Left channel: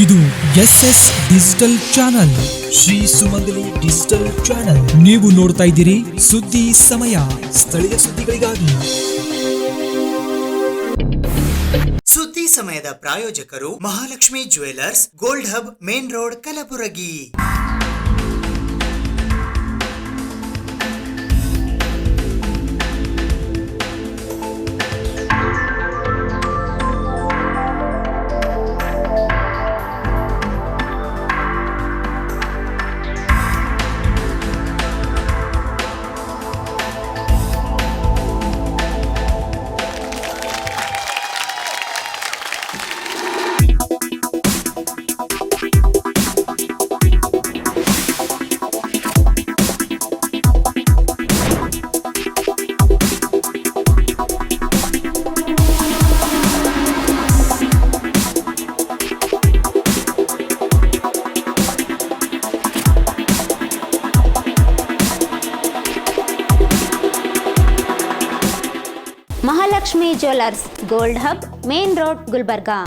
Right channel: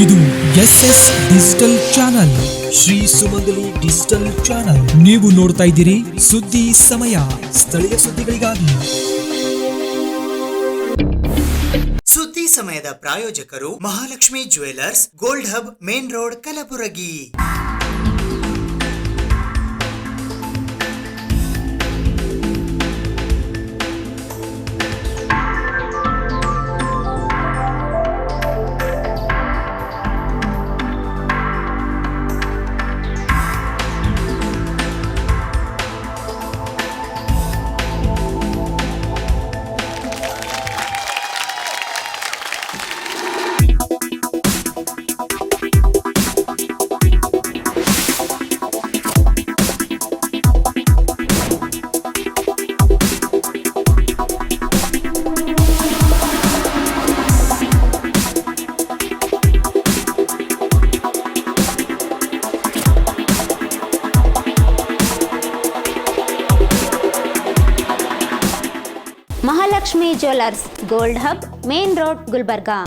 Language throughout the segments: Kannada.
ಇದು SS ಡಿಜಿಟಲ್ ಚಾನಲ್, ಶ್ರೀ ಸುಮಂಗಲಿ ಡಿಜಿಟಲ್ ಚಾನಲ್. ನೀವು ನೋಡ್ತಾ ಇದ್ದೀರಿ ಸುದ್ದಿ ಸಮಯ, ಸ್ಥಳೀಯ ಸುದ್ದಿಗಳಿಗಾಗಿ. ಸುದ್ದಿ ಸಮಯದ ಪ್ರಾಯೋಜಕರು Mahalakshmi jewellers, gold hub, main road, Kalaburagi. Mahalakshmi jewellers, gold hub, main road, Gulbarga.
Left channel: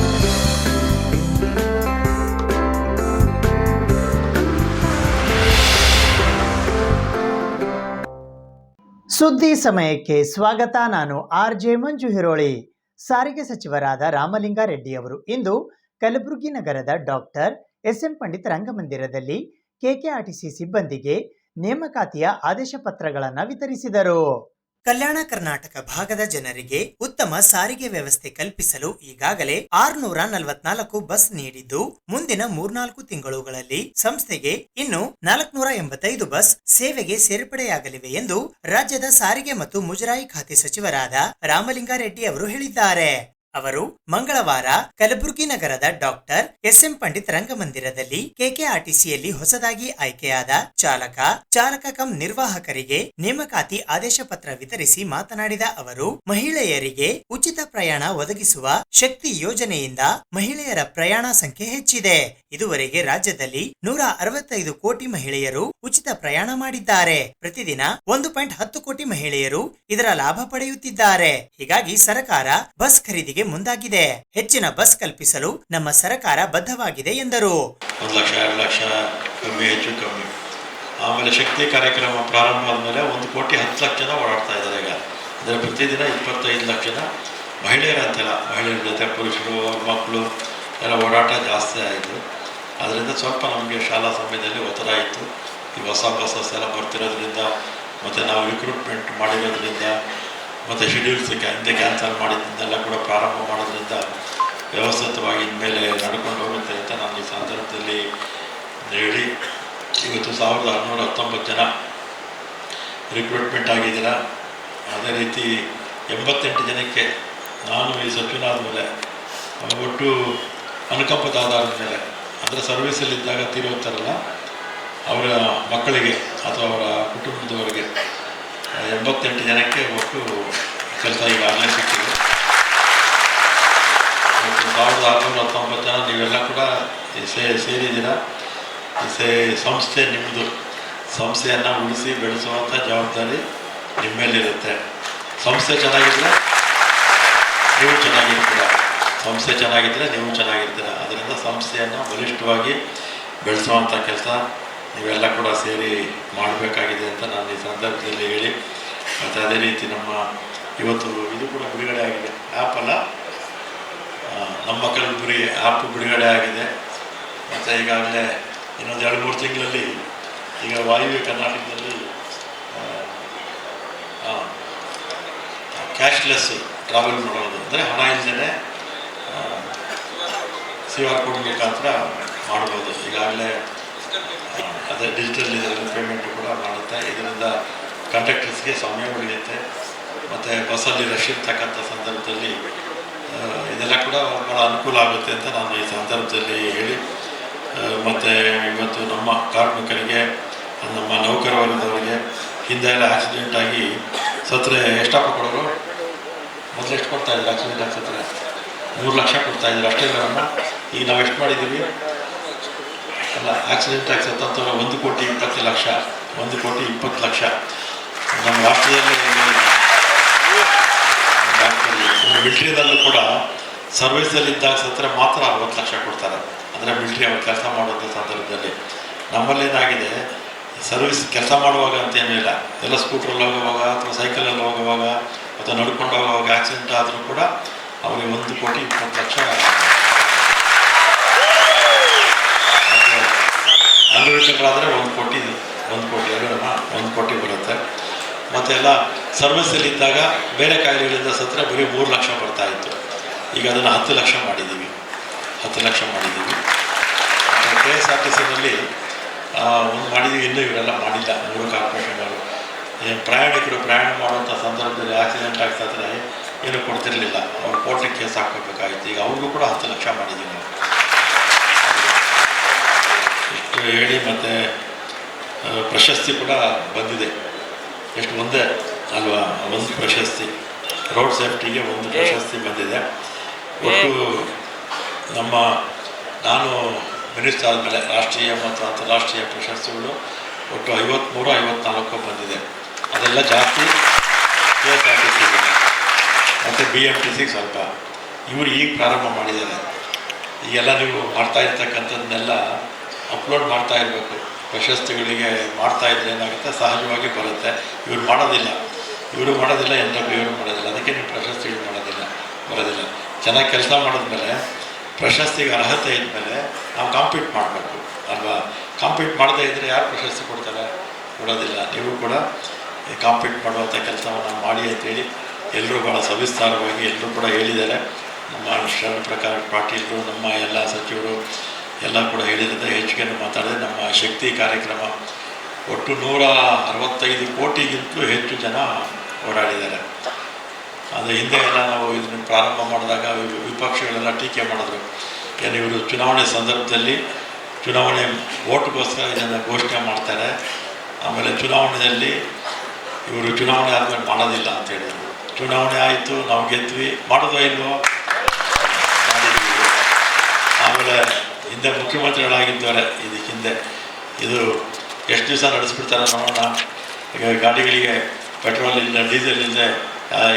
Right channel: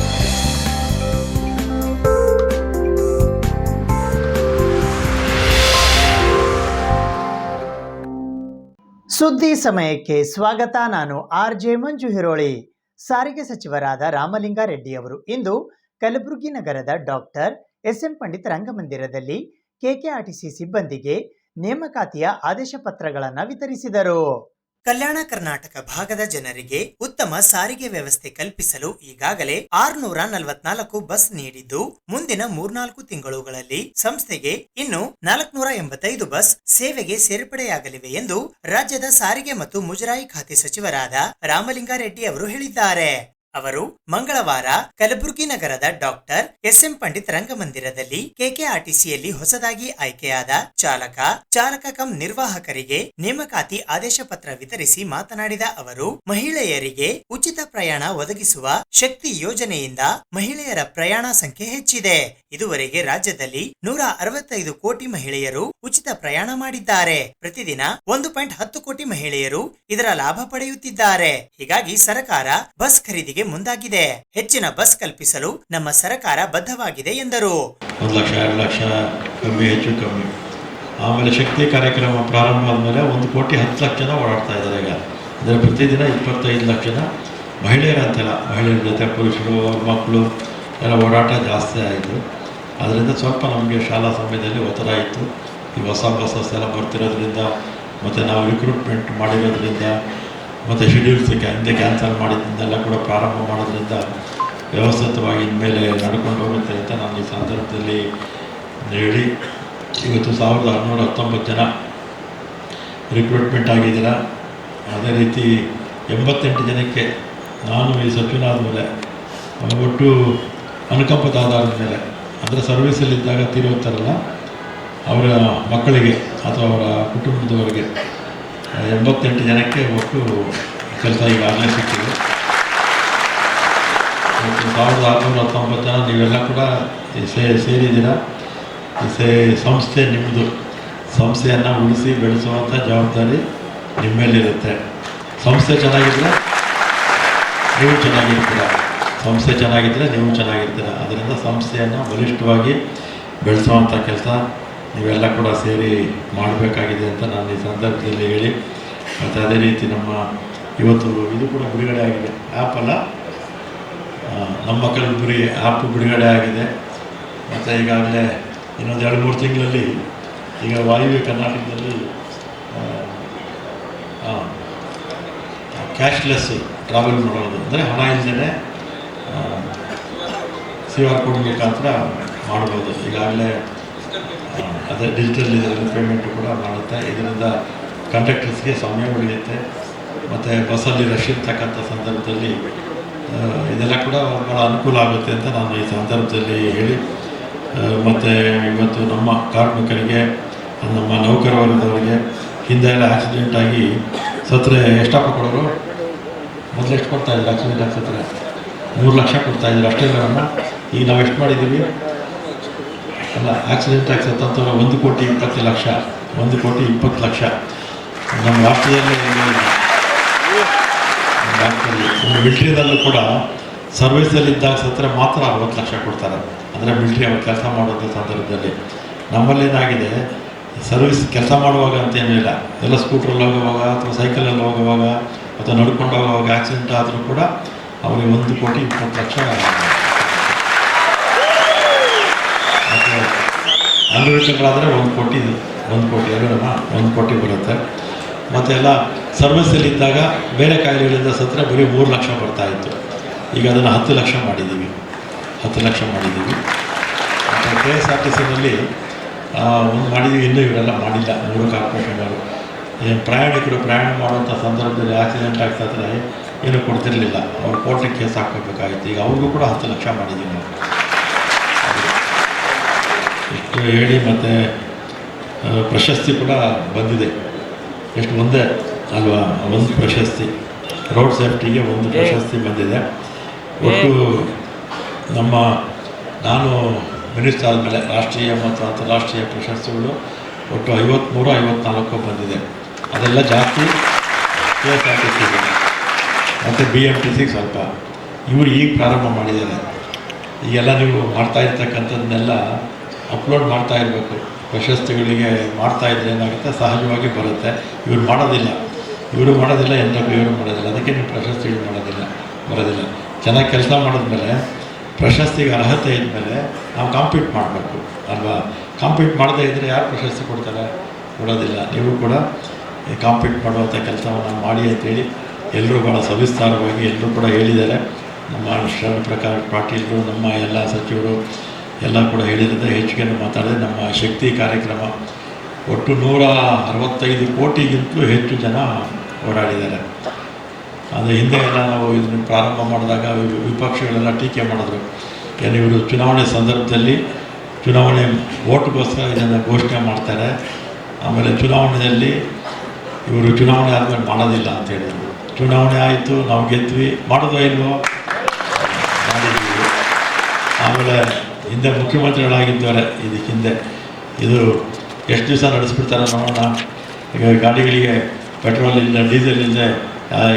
ಸುದ್ದಿ ಸಮಯಕ್ಕೆ ಸ್ವಾಗತ. ನಾನು RJ ಮಂಜು ಹಿರೋಳಿ. ಸಾರಿಗೆ ಸಚಿವರಾದ ರಾಮಲಿಂಗಾರೆಡ್ಡಿ ಅವರು ಇಂದು ಕಲಬುರಗಿ ನಗರದ ಡಾಕ್ಟರ್ SM ಪಂಡಿತ್ ರಂಗಮಂದಿರದಲ್ಲಿ KKRTC ಸಿಬ್ಬಂದಿಗೆ ನೇಮಕಾತಿಯ ಆದೇಶ ಪತ್ರಗಳನ್ನು ವಿತರಿಸಿದರು. ಕಲ್ಯಾಣ ಕರ್ನಾಟಕ ಭಾಗದ ಜನರಿಗೆ ಉತ್ತಮ ಸಾರಿಗೆ ವ್ಯವಸ್ಥೆ ಕಲ್ಪಿಸಲು ಈಗಾಗಲೇ 644 ಬಸ್ ನೀಡಿದ್ದು, ಮುಂದಿನ 3-4 ತಿಂಗಳುಗಳಲ್ಲಿ ಸಂಸ್ಥೆಗೆ ಇನ್ನು 485 ಬಸ್ ಸೇವೆಗೆ ಸೇರ್ಪಡೆಯಾಗಲಿವೆ ಎಂದು ರಾಜ್ಯದ ಸಾರಿಗೆ ಮತ್ತು ಮುಜರಾಯಿ ಖಾತೆ ಸಚಿವರಾದ ರಾಮಲಿಂಗಾರೆಡ್ಡಿ ಅವರು ಹೇಳಿದ್ದಾರೆ. ಅವರು ಮಂಗಳವಾರ ಕಲಬುರಗಿ ನಗರದ ಡಾಕ್ಟರ್ SM ಪಂಡಿತ್ ರಂಗಮಂದಿರದಲ್ಲಿ KKRTCಯಲ್ಲಿ ಹೊಸದಾಗಿ ಆಯ್ಕೆಯಾದ ಚಾಲಕ ಕಂ ನಿರ್ವಾಹಕರಿಗೆ ನೇಮಕಾತಿ ಆದೇಶ ಪತ್ರ ವಿತರಿಸಿ ಮಾತನಾಡಿದ ಅವರು, ಮಹಿಳೆಯರಿಗೆ ಉಚಿತ ಪ್ರಯಾಣ ಒದಗಿಸುವ ಶಕ್ತಿ ಯೋಜನೆಯಿಂದ ಮಹಿಳೆಯರ ಪ್ರಯಾಣ ಸಂಖ್ಯೆ ಹೆಚ್ಚಿದೆ. ಇದುವರೆಗೆ ರಾಜ್ಯದಲ್ಲಿ 165 ಕೋಟಿ ಮಹಿಳೆಯರು ಉಚಿತ ಪ್ರಯಾಣ ಮಾಡಿದ್ದಾರೆ. ಪ್ರತಿದಿನ 1.10 ಕೋಟಿ ಮಹಿಳೆಯರು ಇದರ ಲಾಭ ಪಡೆಯುತ್ತಿದ್ದಾರೆ. ಹೀಗಾಗಿ ಸರ್ಕಾರ ಬಸ್ ಖರೀದಿಗೆ ಮುಂದಾಗಿದೆ. ಹೆಚ್ಚಿನ ಬಸ್ ಕಲ್ಪಿಸಲು ನಮ್ಮ ಸರ್ಕಾರ ಬದ್ಧವಾಗಿದೆ ಎಂದರು. 1 ಲಕ್ಷ 2 ಲಕ್ಷ ಕಮ್ಮಿ ಹೆಚ್ಚು ಕಮ್ಮಿ. ಆಮೇಲೆ ಶಕ್ತಿ ಕಾರ್ಯಕ್ರಮ ಪ್ರಾರಂಭ ಆದಮೇಲೆ 1 ಕೋಟಿ 10 ಲಕ್ಷ ಜನ ಓಡಾಡ್ತಾ ಇದ್ದಾರೆ. ಈಗ ಅಂದರೆ ಪ್ರತಿದಿನ 25 ಲಕ್ಷ ಜನ ಮಹಿಳೆಯರ ಅಂತೆಲ್ಲ, ಮಹಿಳೆಯರ ಜೊತೆ ಪುರುಷರು, ಮಕ್ಕಳು ಎಲ್ಲ ಓಡಾಟ ಜಾಸ್ತಿ ಆಯಿತು. ಅದರಿಂದ ಸ್ವಲ್ಪ ನಮಗೆ ಶಾಲಾ ಸಮಯದಲ್ಲಿ ಒತ್ತಡ ಇತ್ತು. ಈ ಹೊಸ ಬಸ್ಸಸ್ ಎಲ್ಲ ಬರ್ತಿರೋದ್ರಿಂದ ಮತ್ತು ನಾವು ರಿಕ್ರೂಟ್ಮೆಂಟ್ ಮಾಡಿರೋದ್ರಿಂದ ಮತ್ತು ಶೆಡ್ಯೂಲ್ಸ್ ಹಿಂದೆ ಕ್ಯಾನ್ಸಲ್ ಮಾಡಿದ್ದೆಲ್ಲ ಕೂಡ ಪ್ರಾರಂಭ ಮಾಡೋದ್ರಿಂದ ವ್ಯವಸ್ಥಿತವಾಗಿ ಇನ್ಮೇಲೆ ನಡ್ಕೊಂಡು ಹೋಗುತ್ತೆ ಅಂತ ನಾನು ಈ ಸಂದರ್ಭದಲ್ಲಿ ಹೇಳಿ, ಇವತ್ತು 1619 ಜನ ರಿಕ್ರೂಟ್ಮೆಂಟ್ ಆಗಿದ್ದೀರ. ಅದೇ ರೀತಿ 88 ಜನಕ್ಕೆ ನಾನು ಈ ಸಚಿವನಾದ ಮೇಲೆ ಒಟ್ಟು ಅನುಕಂಪದ ಆಧಾರದ ಮೇಲೆ, ಅಂದರೆ ಸರ್ವೀಸಲ್ಲಿದ್ದಾಗ ತೀರೋಗ್ತಾರಲ್ಲ ಅವರ ಮಕ್ಕಳಿಗೆ ಅಥವಾ ಅವರ ಕುಟುಂಬದವರಿಗೆ 88 ಜನಕ್ಕೆ ಒಟ್ಟು ಕೆಲಸ ಈಗಾಗಲೇ ಸಿಕ್ಕಿದೆ. 1619 ಜನ ನೀವೆಲ್ಲ ಕೂಡ ಸೇರಿದ್ದೀರ. ಸಂಸ್ಥೆ ನಿಮ್ಮದು. ಸಂಸ್ಥೆಯನ್ನು ಉಳಿಸಿ ಬೆಳೆಸುವಂಥ ಜವಾಬ್ದಾರಿ ನಿಮ್ಮ ಮೇಲಿರುತ್ತೆ. ಸಂಸ್ಥೆ ಚೆನ್ನಾಗಿದ್ದರೆ ನೀವು ಚೆನ್ನಾಗಿರ್ತೀರ, ಸಂಸ್ಥೆ ಚೆನ್ನಾಗಿದ್ದರೆ ನೀವು ಚೆನ್ನಾಗಿರ್ತೀರ. ಅದರಿಂದ ಸಂಸ್ಥೆಯನ್ನು ಬಲಿಷ್ಠವಾಗಿ ಬೆಳೆಸುವಂಥ ಕೆಲಸ ನೀವೆಲ್ಲ ಕೂಡ ಸೇರಿ ಮಾಡಬೇಕಾಗಿದೆ ಅಂತ ನಾನು ಈ ಸಂದರ್ಭದಲ್ಲಿ ಹೇಳಿ, ಮತ್ತು ಅದೇ ರೀತಿ ನಮ್ಮ ಇವತ್ತು ಇದು ಕೂಡ ಬಿಡುಗಡೆ ಆಗಿದೆ. ಆ್ಯಪ್ ಅಲ್ಲ, ನಮ್ಮ ಕಲಬುರಗಿ ಆ್ಯಪ್ ಬಿಡುಗಡೆ ಆಗಿದೆ. ಮತ್ತು ಈಗಾಗಲೇ ಇನ್ನೊಂದು 2-3 ತಿಂಗಳಲ್ಲಿ ಈಗ ವಾಯುವ್ಯ ಕರ್ನಾಟಕದಲ್ಲಿ ಕ್ಯಾಶ್ಲೆಸ್ ಟ್ರಾವೆಲ್ ಮಾಡೋದು, ಅಂದರೆ ಹಣ ಇಲ್ಲದೇ QR ಕೋಡ್ ಮುಖಾಂತರ ಮಾಡ್ಬೋದು. ಈಗಾಗಲೇ ಅದೇ ಡಿಜಿಟಲ್ ಇದರಲ್ಲಿ ಪೇಮೆಂಟು ಕೂಡ ಮಾಡುತ್ತೆ. ಇದರಿಂದ ಕಂಡಕ್ಟರ್ಸ್ಗೆ ಸಮಯ ಉಳಿಯುತ್ತೆ. ಮತ್ತು ಬಸ್ಸಲ್ಲಿ ರಶ್ ಇರ್ತಕ್ಕಂಥ ಸಂದರ್ಭದಲ್ಲಿ ಇದೆಲ್ಲ ಕೂಡ ಭಾಳ ಅನುಕೂಲ ಆಗುತ್ತೆ ಅಂತ ನಾನು ಈ ಸಂದರ್ಭದಲ್ಲಿ ಹೇಳಿ, ಮತ್ತು ಇವತ್ತು ನಮ್ಮ ಕಾರ್ಮಿಕರಿಗೆ, ನಮ್ಮ ನೌಕರ ವರ್ಗದವರಿಗೆ ಹಿಂದೆ ಎಲ್ಲ ಆಕ್ಸಿಡೆಂಟ್ ಆಗಿ ಸತ್ತರೆ ಎಷ್ಟಪ್ಪ ಕೊಡೋರು? ಮೊದಲು ಎಷ್ಟು ಕೊಡ್ತಾಯಿದ್ರು? ಆಕ್ಸಿಡೆಂಟ್ ಆಗಿ ಸತ್ತರೆ 3 ಲಕ್ಷ ಕೊಡ್ತಾಯಿದ್ರು. ಅಷ್ಟೇ ನಮ್ಮ ಈಗ ನಾವು ಎಷ್ಟು ಮಾಡಿದ್ದೀವಿ? ಅಲ್ಲ, ಆಕ್ಸಿಡೆಂಟ್ ಆಗಿ ಸತ್ತಂಥವ್ರು 1,20,00,000, 1,20,00,000 ನಮ್ಮ ರಾಷ್ಟ್ರದಲ್ಲಿ ಮಿಲಿಟರಿದಲ್ಲೂ ಕೂಡ ಸರ್ವಿಸಲ್ಲಿದ್ದಾಗ ಸತ್ರ ಮಾತ್ರ 60 ಲಕ್ಷ ಕೊಡ್ತಾರೆ, ಅಂದರೆ ಮಿಲಿಟ್ರಿ ಅವ್ರು ಕೆಲಸ ಮಾಡುವಂಥ ಸಂದರ್ಭದಲ್ಲಿ. ನಮ್ಮಲ್ಲೇನಾಗಿದೆ, ಸರ್ವಿಸ್ ಕೆಲಸ ಮಾಡುವಾಗ ಅಂತೇನಿಲ್ಲ, ಎಲ್ಲ ಸ್ಕೂಟ್ರಲ್ಲಿ ಹೋಗುವಾಗ ಅಥವಾ ಸೈಕಲಲ್ಲಿ ಹೋಗುವಾಗ ಅಥವಾ ನಡ್ಕೊಂಡು ಹೋಗುವಾಗ ಆಕ್ಸಿಡೆಂಟ್ ಆದರೂ ಕೂಡ ಅವರಿಗೆ 1,20,20,00,000. ಮತ್ತು ಅಂಗವಿಕಲರಾದರೆ 1 ಕೋಟಿ ಅಲ್ವೇನಮ್ಮ, 1 ಕೋಟಿ ಬರುತ್ತೆ. ಮತ್ತು ಎಲ್ಲ ಸರ್ವಿಸಲ್ಲಿದ್ದಾಗ ಬೇರೆ ಕಾಯಿಲೆಗಳಿಂದ ಸತ್ತರೆ ಬರೀ 3 ಲಕ್ಷ ಬರ್ತಾಯಿತ್ತು. ಈಗ ಅದನ್ನು 10 ಲಕ್ಷ ಮಾಡಿದ್ದೀವಿ. ಮತ್ತು KSRTCನಲ್ಲಿ ಒಂದು ಮಾಡಿದ್ದೀವಿ, ಇನ್ನೂ ಇವರೆಲ್ಲ ಮಾಡಿಲ್ಲ 3 ಕಾರ್ಪೊರೇಷನ್ಗಳು. ಏನು ಪ್ರಯಾಣಿಕರು ಪ್ರಯಾಣ ಮಾಡುವಂಥ ಸಂದರ್ಭದಲ್ಲಿ ಆಕ್ಸಿಡೆಂಟ್ ಆಗ್ತಾಯಿದ್ರೆ ಏನೂ ಕೊಡ್ತಿರಲಿಲ್ಲ, ಅವ್ರು ಕೋರ್ಟಿಗೆ ಕೇಸ್ ಹಾಕ್ಕೋಬೇಕಾಗಿತ್ತು. ಈಗ ಅವ್ರಿಗೂ ಕೂಡ 10 ಲಕ್ಷ ಮಾಡಿದ್ದೀವಿ ನಾವು. ಇಷ್ಟು ಹೇಳಿ ಮತ್ತು ಪ್ರಶಸ್ತಿ ಕೂಡ ಬಂದಿದೆ. ಎಷ್ಟು ಒಂದೇ ಅಲ್ವಾ, ಒಂದು ಪ್ರಶಸ್ತಿ ರೋಡ್ ಸೇಫ್ಟಿಗೆ 1 ಪ್ರಶಸ್ತಿ ಬಂದಿದೆ. ಒಟ್ಟು ನಾನು ಮಿನಿಸ್ಟರ್ ಆದಮೇಲೆ ರಾಷ್ಟ್ರೀಯ ಮತ್ತು ಅಂತಾರಾಷ್ಟ್ರೀಯ ಪ್ರಶಸ್ತಿಗಳು ಒಟ್ಟು 53-54 ಬಂದಿದೆ. ಅದೆಲ್ಲ ಜಾಸ್ತಿ KSRTCಗೆ ಮತ್ತು BMTCಗೆ ಸ್ವಲ್ಪ. ಇವರು ಈಗ ಪ್ರಾರಂಭ ಮಾಡಿದ್ದಾರೆ. ಈಗೆಲ್ಲ ನೀವು ಮಾಡ್ತಾ ಇರ್ತಕ್ಕಂಥದ್ದನ್ನೆಲ್ಲ ಅಪ್ಲೋಡ್ ಮಾಡ್ತಾ ಇರಬೇಕು. ಪ್ರಶಸ್ತಿಗಳಿಗೆ ಮಾಡ್ತಾಯಿದ್ರೆ ಏನಾಗುತ್ತೆ, ಸಹಜವಾಗಿ ಬರುತ್ತೆ. ಇವರು ಮಾಡೋದಿಲ್ಲ, NW ಇವರು ಮಾಡೋದಿಲ್ಲ. ಅದಕ್ಕೆ ನೀವು ಪ್ರಶಸ್ತಿಗಳು ಬರೋದಿಲ್ಲ. ಚೆನ್ನಾಗಿ ಕೆಲಸ ಮಾಡಿದ್ಮೇಲೆ ಪ್ರಶಸ್ತಿಗೆ ಅರ್ಹತೆ ಇದ್ಮೇಲೆ ನಾವು ಕಾಂಪೀಟ್ ಮಾಡಬೇಕು ಅಲ್ವಾ. ಕಾಂಪೀಟ್ ಮಾಡದೇ ಇದ್ದರೆ ಯಾರು ಪ್ರಶಸ್ತಿ ಕೊಡೋದಿಲ್ಲ. ನೀವು ಕೂಡ ಕಾಂಪೀಟ್ ಮಾಡುವಂಥ ಕೆಲಸವನ್ನು ಮಾಡಿ ಅಂತೇಳಿ ಎಲ್ಲರೂ ಭಾಳ ಸವಿಸ್ತಾರವಾಗಿ ಎಲ್ಲರೂ ಕೂಡ ಹೇಳಿದ್ದಾರೆ. ನಮ್ಮ ಶರಣ ಪ್ರಕಾಶ್ ಪಾಟೀಲರು, ನಮ್ಮ ಎಲ್ಲ ಸಚಿವರು ಎಲ್ಲ ಕೂಡ ಹೇಳಿದರೆ ಹೆಚ್ಚಿಗೆ ಮಾತಾಡಿದೆ. ನಮ್ಮ ಶಕ್ತಿ ಕಾರ್ಯಕ್ರಮ ಒಟ್ಟು 165 ಕೋಟಿಗಿಂತಲೂ ಹೆಚ್ಚು ಜನ ಓಡಾಡಿದ್ದಾರೆ. ಅದು ಹಿಂದೆ ಎಲ್ಲ ನಾವು ಇದನ್ನು ಪ್ರಾರಂಭ ಮಾಡಿದಾಗ ವಿಪಕ್ಷಗಳೆಲ್ಲ ಟೀಕೆ ಮಾಡಿದ್ರು. ಏನು ಇವರು ಚುನಾವಣೆ ಸಂದರ್ಭದಲ್ಲಿ ಚುನಾವಣೆ ಓಟ್ಗೋಸ್ಕರ ಇದನ್ನು ಘೋಷಣೆ ಮಾಡ್ತಾರೆ, ಆಮೇಲೆ ಚುನಾವಣೆಯಲ್ಲಿ ಇವರು ಚುನಾವಣೆ ಆದಮೇಲೆ ಮಾಡೋದಿಲ್ಲ ಅಂತ ಹೇಳಿದರು. ಚುನಾವಣೆ ಆಯಿತು, ನಾವು ಗೆದ್ವಿ, ಮಾಡೋದೋ ಇಲ್ವೋ, ಮಾಡಿದ್ದೀವಿ. ಆಮೇಲೆ ಹಿಂದೆ ಮುಖ್ಯಮಂತ್ರಿಗಳಾಗಿದ್ದಾರೆ ಇದಕ್ಕೆ ಹಿಂದೆ. ಇದು ಎಷ್ಟು ದಿವಸ ನಡೆಸ್ಬಿಡ್ತಾರೆ ನೋಡೋಣ. ಈಗ ಗಾಡಿಗಳಿಗೆ ಪೆಟ್ರೋಲ್ ಇಲ್ಲ, ಡೀಸೆಲ್ ಇಲ್ಲದೆ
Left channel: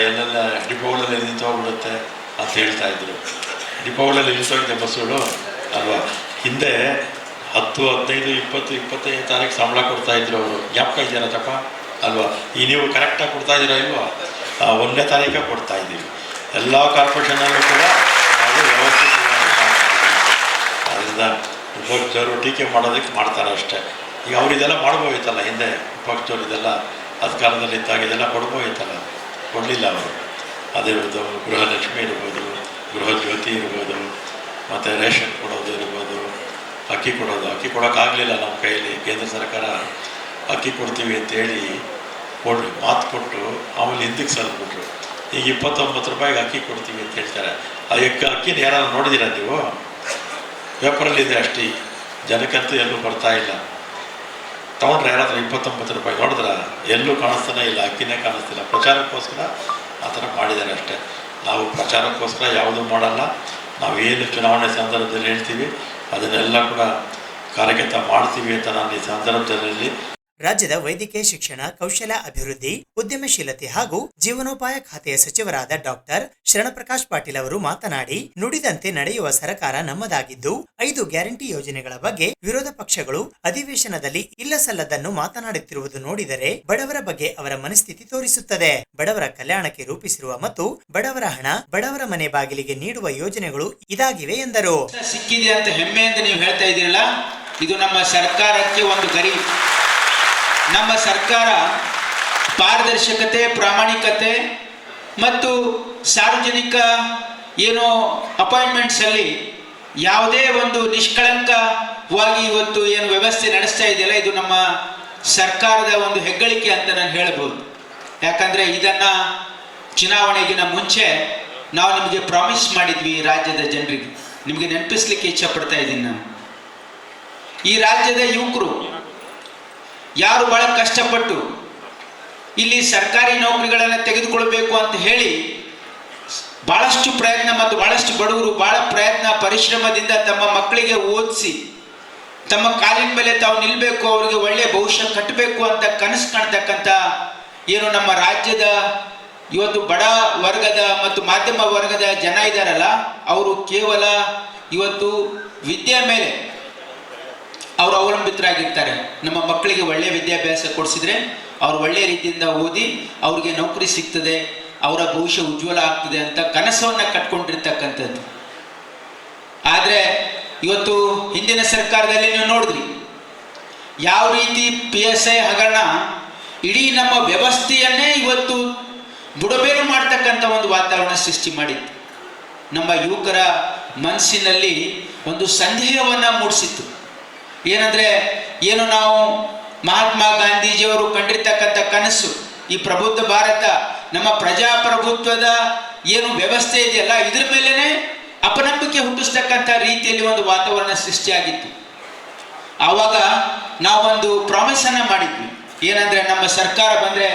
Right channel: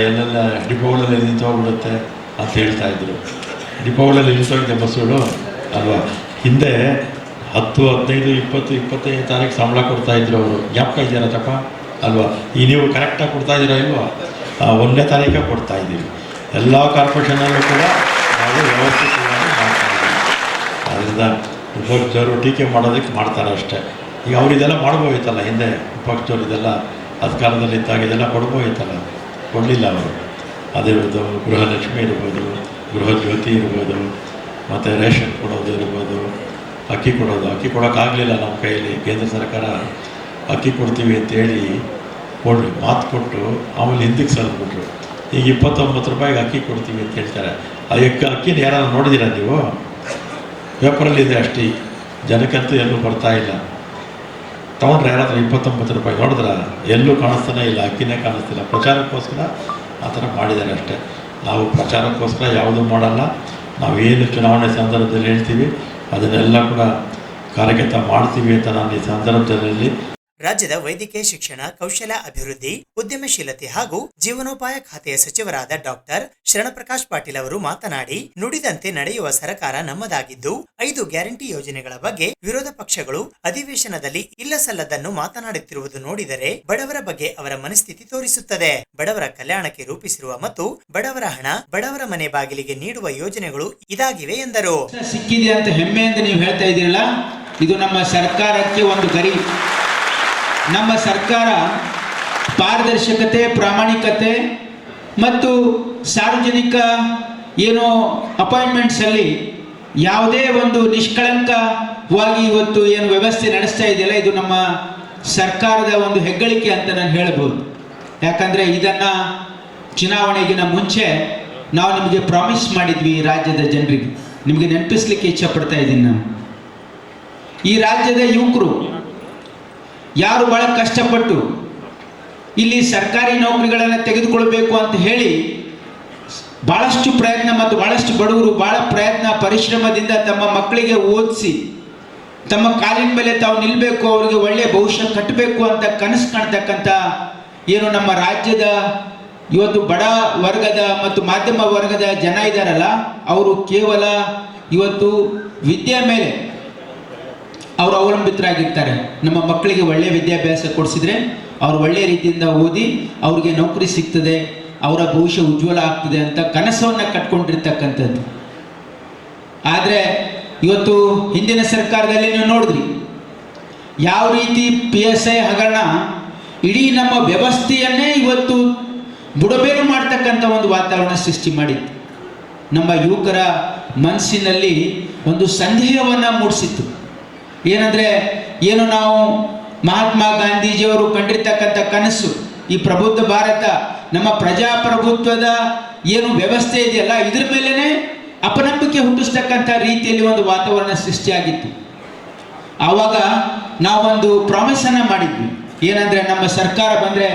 ಎಲ್ಲೆಲ್ಲ ಡಿಪೋಗಳಲ್ಲಿ ನಿಂತೋಗ್ಬಿಡುತ್ತೆ ಅಂತ ಹೇಳ್ತಾಯಿದ್ರು. ಡಿಪೋಗಳಲ್ಲಿ ನಿಂತೋಗಿದೆ ಬಸ್ಸುಗಳು ಅಲ್ವಾ. ಹಿಂದೆ 10, 15, 20, 25 ತಾರೀಕು ಸಂಬಳ ಕೊಡ್ತಾಯಿದ್ರು ಅವರು. ಜ್ಞಾಪಕ ಇದೆಯಲ್ಲ ಚಪ್ಪ ಅಲ್ವಾ. ಈ ನೀವು ಕರೆಕ್ಟಾಗಿ ಕೊಡ್ತಾಯಿದ್ದೀರಾ ಇಲ್ವಾ? 1ನೇ ತಾರೀಕೆ ಕೊಡ್ತಾಯಿದ್ದೀವಿ. ಎಲ್ಲ ಕಾರ್ಪೊರೇಷನಲ್ಲೂ ಕೂಡ ನಾವು ವ್ಯವಸ್ಥಿತವಾಗಿ ಮಾಡ್ತಾಯಿದ್ದೀವಿ. ಅದರಿಂದ ವಿಪಕ್ಷದವರು ಟೀಕೆ ಮಾಡೋದಕ್ಕೆ ಮಾಡ್ತಾರೆ ಅಷ್ಟೇ. ಈಗ ಅವ್ರು ಇದೆಲ್ಲ ಮಾಡ್ಬೋಯ್ತಲ್ಲ, ಹಿಂದೆ ವಿಪಕ್ಷದವ್ರು ಇದೆಲ್ಲ ಅಧಿಕಾರದಲ್ಲಿ ಇದ್ದಾಗ ಇದೆಲ್ಲ ಕೊಡ್ಬೋಯ್ತಲ್ಲ, ಕೊಡಲಿಲ್ಲ ಅವರು. ಅದಿರ್ಬೋದು, ಗೃಹಲಕ್ಷ್ಮಿ ಇರ್ಬೋದು, ಗೃಹ ಜ್ಯೋತಿ ಇರ್ಬೋದು, ಮತ್ತು ರೇಷನ್ ಕೊಡೋದು ಇರ್ಬೋದು, ಅಕ್ಕಿ ಕೊಡೋಕ್ಕಾಗಲಿಲ್ಲ ನಮ್ಮ ಕೈಯಲ್ಲಿ. ಕೇಂದ್ರ ಸರ್ಕಾರ ಅಕ್ಕಿ ಕೊಡ್ತೀವಿ ಅಂತೇಳಿ ಮಾತು ಕೊಟ್ಟು ಆಮೇಲೆ ಹಿಂದಕ್ಕೆ ಸರಿದ್ಬಿಟ್ರು. ಈಗ 29 ರೂಪಾಯಿಗೆ ಅಕ್ಕಿ ಕೊಡ್ತೀವಿ ಅಂತ ಹೇಳ್ತಾರೆ. ಆ ಅಕ್ಕಿನ ಯಾರು ನೋಡಿದ್ದೀರಾ ನೀವು? ಪೇಪರಲ್ಲಿದೆ ಅಷ್ಟೇ, ಜನಕ್ಕಂತೂ ಎಲ್ಲೂ ಬರ್ತಾಯಿಲ್ಲ. ತೊಗೊಂಡ್ರೆ ಯಾರಾದರೂ 29 ರೂಪಾಯಿ ನೋಡಿದ್ರ ಎಲ್ಲೂ ಕಾಣಿಸ್ತಾನೆ ಇಲ್ಲ, ಅಕ್ಕಿನೇ ಕಾಣಿಸ್ತಿಲ್ಲ. ಪ್ರಚಾರಕ್ಕೋಸ್ಕರ ಆ ಥರ ಮಾಡಿದ್ದಾರೆ ಅಷ್ಟೇ. ನಾವು ಪ್ರಚಾರಕ್ಕೋಸ್ಕರ ಯಾವುದೂ ಮಾಡಲ್ಲ. ನಾವೇನು ಚುನಾವಣೆ ಸಂದರ್ಭದಲ್ಲಿ ಹೇಳ್ತೀವಿ ಅದನ್ನೆಲ್ಲ ಕೂಡ ಕಾರ್ಯಗತ ಮಾಡ್ತೀವಿ ಅಂತ ನಾನು ಈ ಸಂದರ್ಭದಲ್ಲಿ. ರಾಜ್ಯದ ವೈದ್ಯಕೀಯ ಶಿಕ್ಷಣ, ಕೌಶಲ್ಯ ಅಭಿವೃದ್ಧಿ, ಉದ್ಯಮಶೀಲತೆ ಹಾಗೂ ಜೀವನೋಪಾಯ ಖಾತೆಯ ಸಚಿವರಾದ ಡಾಕ್ಟರ್ ಶರಣಪ್ರಕಾಶ್ ಪಾಟೀಲ್ ಅವರು ಮಾತನಾಡಿ, ನುಡಿದಂತೆ ನಡೆಯುವ ಸರ್ಕಾರ ನಮ್ಮದಾಗಿದ್ದು 5 ಗ್ಯಾರಂಟಿ ಯೋಜನೆಗಳ ಬಗ್ಗೆ ವಿರೋಧ ಪಕ್ಷಗಳು ಅಧಿವೇಶನದಲ್ಲಿ ಇಲ್ಲಸಲ್ಲದನ್ನು ಮಾತನಾಡುತ್ತಿರುವುದು ನೋಡಿದರೆ ಬಡವರ ಬಗ್ಗೆ ಅವರ ಮನಸ್ಥಿತಿ ತೋರಿಸುತ್ತದೆ. ಬಡವರ ಕಲ್ಯಾಣಕ್ಕೆ ರೂಪಿಸಿರುವ ಮತ್ತು ಬಡವರ ಹಣ ಬಡವರ ಮನೆ ಬಾಗಿಲಿಗೆ ನೀಡುವ ಯೋಜನೆಗಳು ಇದಾಗಿವೆ ಎಂದರು. ಸಿಕ್ಕಿದೆ ಅಂತ ಹೆಮ್ಮೆಯಿಂದ ನೀವು ಹೇಳ್ತಾ ಇದ್ದೀರಲ್ಲ, ಇದು ನಮ್ಮ ಸರ್ಕಾರಕ್ಕೆ ಒಂದು ಗರಿ. ನಮ್ಮ ಸರ್ಕಾರ ಪಾರದರ್ಶಕತೆ, ಪ್ರಾಮಾಣಿಕತೆ ಮತ್ತು ಸಾರ್ವಜನಿಕ ಏನೋ ಅಪಾಯಿಂಟ್ಮೆಂಟ್ಸ್ ಅಲ್ಲಿ ಯಾವುದೇ ಒಂದು ನಿಷ್ಕಳಂಕವಾಗಿ ಇವತ್ತು ಏನು ವ್ಯವಸ್ಥೆ ನಡೆಸ್ತಾ ಇದೆಯಲ್ಲ, ಇದು ನಮ್ಮ ಸರ್ಕಾರದ ಒಂದು ಹೆಗ್ಗಳಿಕೆ ಅಂತ ನಾನು ಹೇಳ್ಬೋದು. ಯಾಕಂದ್ರೆ ಇದನ್ನ ಚುನಾವಣೆಗಿನ ಮುಂಚೆ ನಾವು ನಿಮಗೆ ಪ್ರಾಮಿಸ್ ಮಾಡಿದ್ವಿ ರಾಜ್ಯದ ಜನರಿಗೆ. ನಿಮಗೆ ನೆನಪಿಸ್ಲಿಕ್ಕೆ ಇಚ್ಛೆ ಪಡ್ತಾ ಇದ್ದೀನಿ ನಾನು. ಈ ರಾಜ್ಯದ ಯುವಕರು ಯಾರು ಬಹಳ ಕಷ್ಟಪಟ್ಟು ಇಲ್ಲಿ ಸರ್ಕಾರಿ ನೌಕರಿಗಳನ್ನು ತೆಗೆದುಕೊಳ್ಬೇಕು ಅಂತ ಹೇಳಿ ಬಹಳಷ್ಟು ಪ್ರಯತ್ನ ಮತ್ತು ಬಹಳಷ್ಟು ಬಡವರು ಬಹಳ ಪ್ರಯತ್ನ ಪರಿಶ್ರಮದಿಂದ ತಮ್ಮ ಮಕ್ಕಳಿಗೆ ಓದಿಸಿ ತಮ್ಮ ಕಾಲಿನ ಮೇಲೆ ತಾವು ನಿಲ್ಲಬೇಕು, ಅವರಿಗೆ ಒಳ್ಳೆಯ ಭವಿಷ್ಯ ಕಟ್ಟಬೇಕು ಅಂತ ಕನಸು ಕಾಣ್ತಕ್ಕಂಥ ಏನು ನಮ್ಮ ರಾಜ್ಯದ ಇವತ್ತು ಬಡ ವರ್ಗದ ಮತ್ತು ಮಾಧ್ಯಮ ವರ್ಗದ ಜನ ಇದ್ದಾರಲ್ಲ, ಅವರು ಕೇವಲ ಇವತ್ತು ವಿದ್ಯೆ ಮೇಲೆ ಅವರು ಅವಲಂಬಿತರಾಗಿರ್ತಾರೆ. ನಮ್ಮ ಮಕ್ಕಳಿಗೆ ಒಳ್ಳೆಯ ವಿದ್ಯಾಭ್ಯಾಸ ಕೊಡಿಸಿದ್ರೆ ಅವ್ರು ಒಳ್ಳೆಯ ರೀತಿಯಿಂದ ಓದಿ ಅವ್ರಿಗೆ ನೌಕರಿ ಸಿಗ್ತದೆ, ಅವರ ಭವಿಷ್ಯ ಉಜ್ವಲ ಆಗ್ತದೆ ಅಂತ ಕನಸವನ್ನು ಕಟ್ಕೊಂಡಿರ್ತಕ್ಕಂಥದ್ದು. ಆದರೆ ಇವತ್ತು ಹಿಂದಿನ ಸರ್ಕಾರದಲ್ಲಿ ನೀವು ನೋಡಿದ್ರಿ ಯಾವ ರೀತಿ PSI ಹಗರಣ ಇಡೀ ನಮ್ಮ ವ್ಯವಸ್ಥೆಯನ್ನೇ ಇವತ್ತು ಬುಡಬೇರು ಮಾಡ್ತಕ್ಕಂಥ ಒಂದು ವಾತಾವರಣ ಸೃಷ್ಟಿ ಮಾಡಿತ್ತು. ನಮ್ಮ ಯುವಕರ ಮನಸ್ಸಿನಲ್ಲಿ ಒಂದು ಸಂದೇಹವನ್ನು ಮೂಡಿಸಿತ್ತು. ಏನಂದರೆ ಏನು ನಾವು ಮಹಾತ್ಮ ಗಾಂಧೀಜಿಯವರು ಕಂಡಿರ್ತಕ್ಕಂಥ ಕನಸು, ಈ ಪ್ರಬುದ್ಧ ಭಾರತ, ನಮ್ಮ ಪ್ರಜಾಪ್ರಭುತ್ವದ ಏನು ವ್ಯವಸ್ಥೆ ಇದೆಯಲ್ಲ, ಇದ್ರ ಮೇಲೇನೆ ಅಪನಂಬಿಕೆ ಹುಟ್ಟಿಸ್ತಕ್ಕಂಥ ರೀತಿಯಲ್ಲಿ ಒಂದು ವಾತಾವರಣ ಸೃಷ್ಟಿಯಾಗಿತ್ತು. ಆವಾಗ ನಾವೊಂದು ಪ್ರಾಮಿಸ್ ಅನ್ನ ಮಾಡಿದ್ವಿ, ಏನಂದ್ರೆ ನಮ್ಮ ಸರ್ಕಾರ ಬಂದ್ರೆ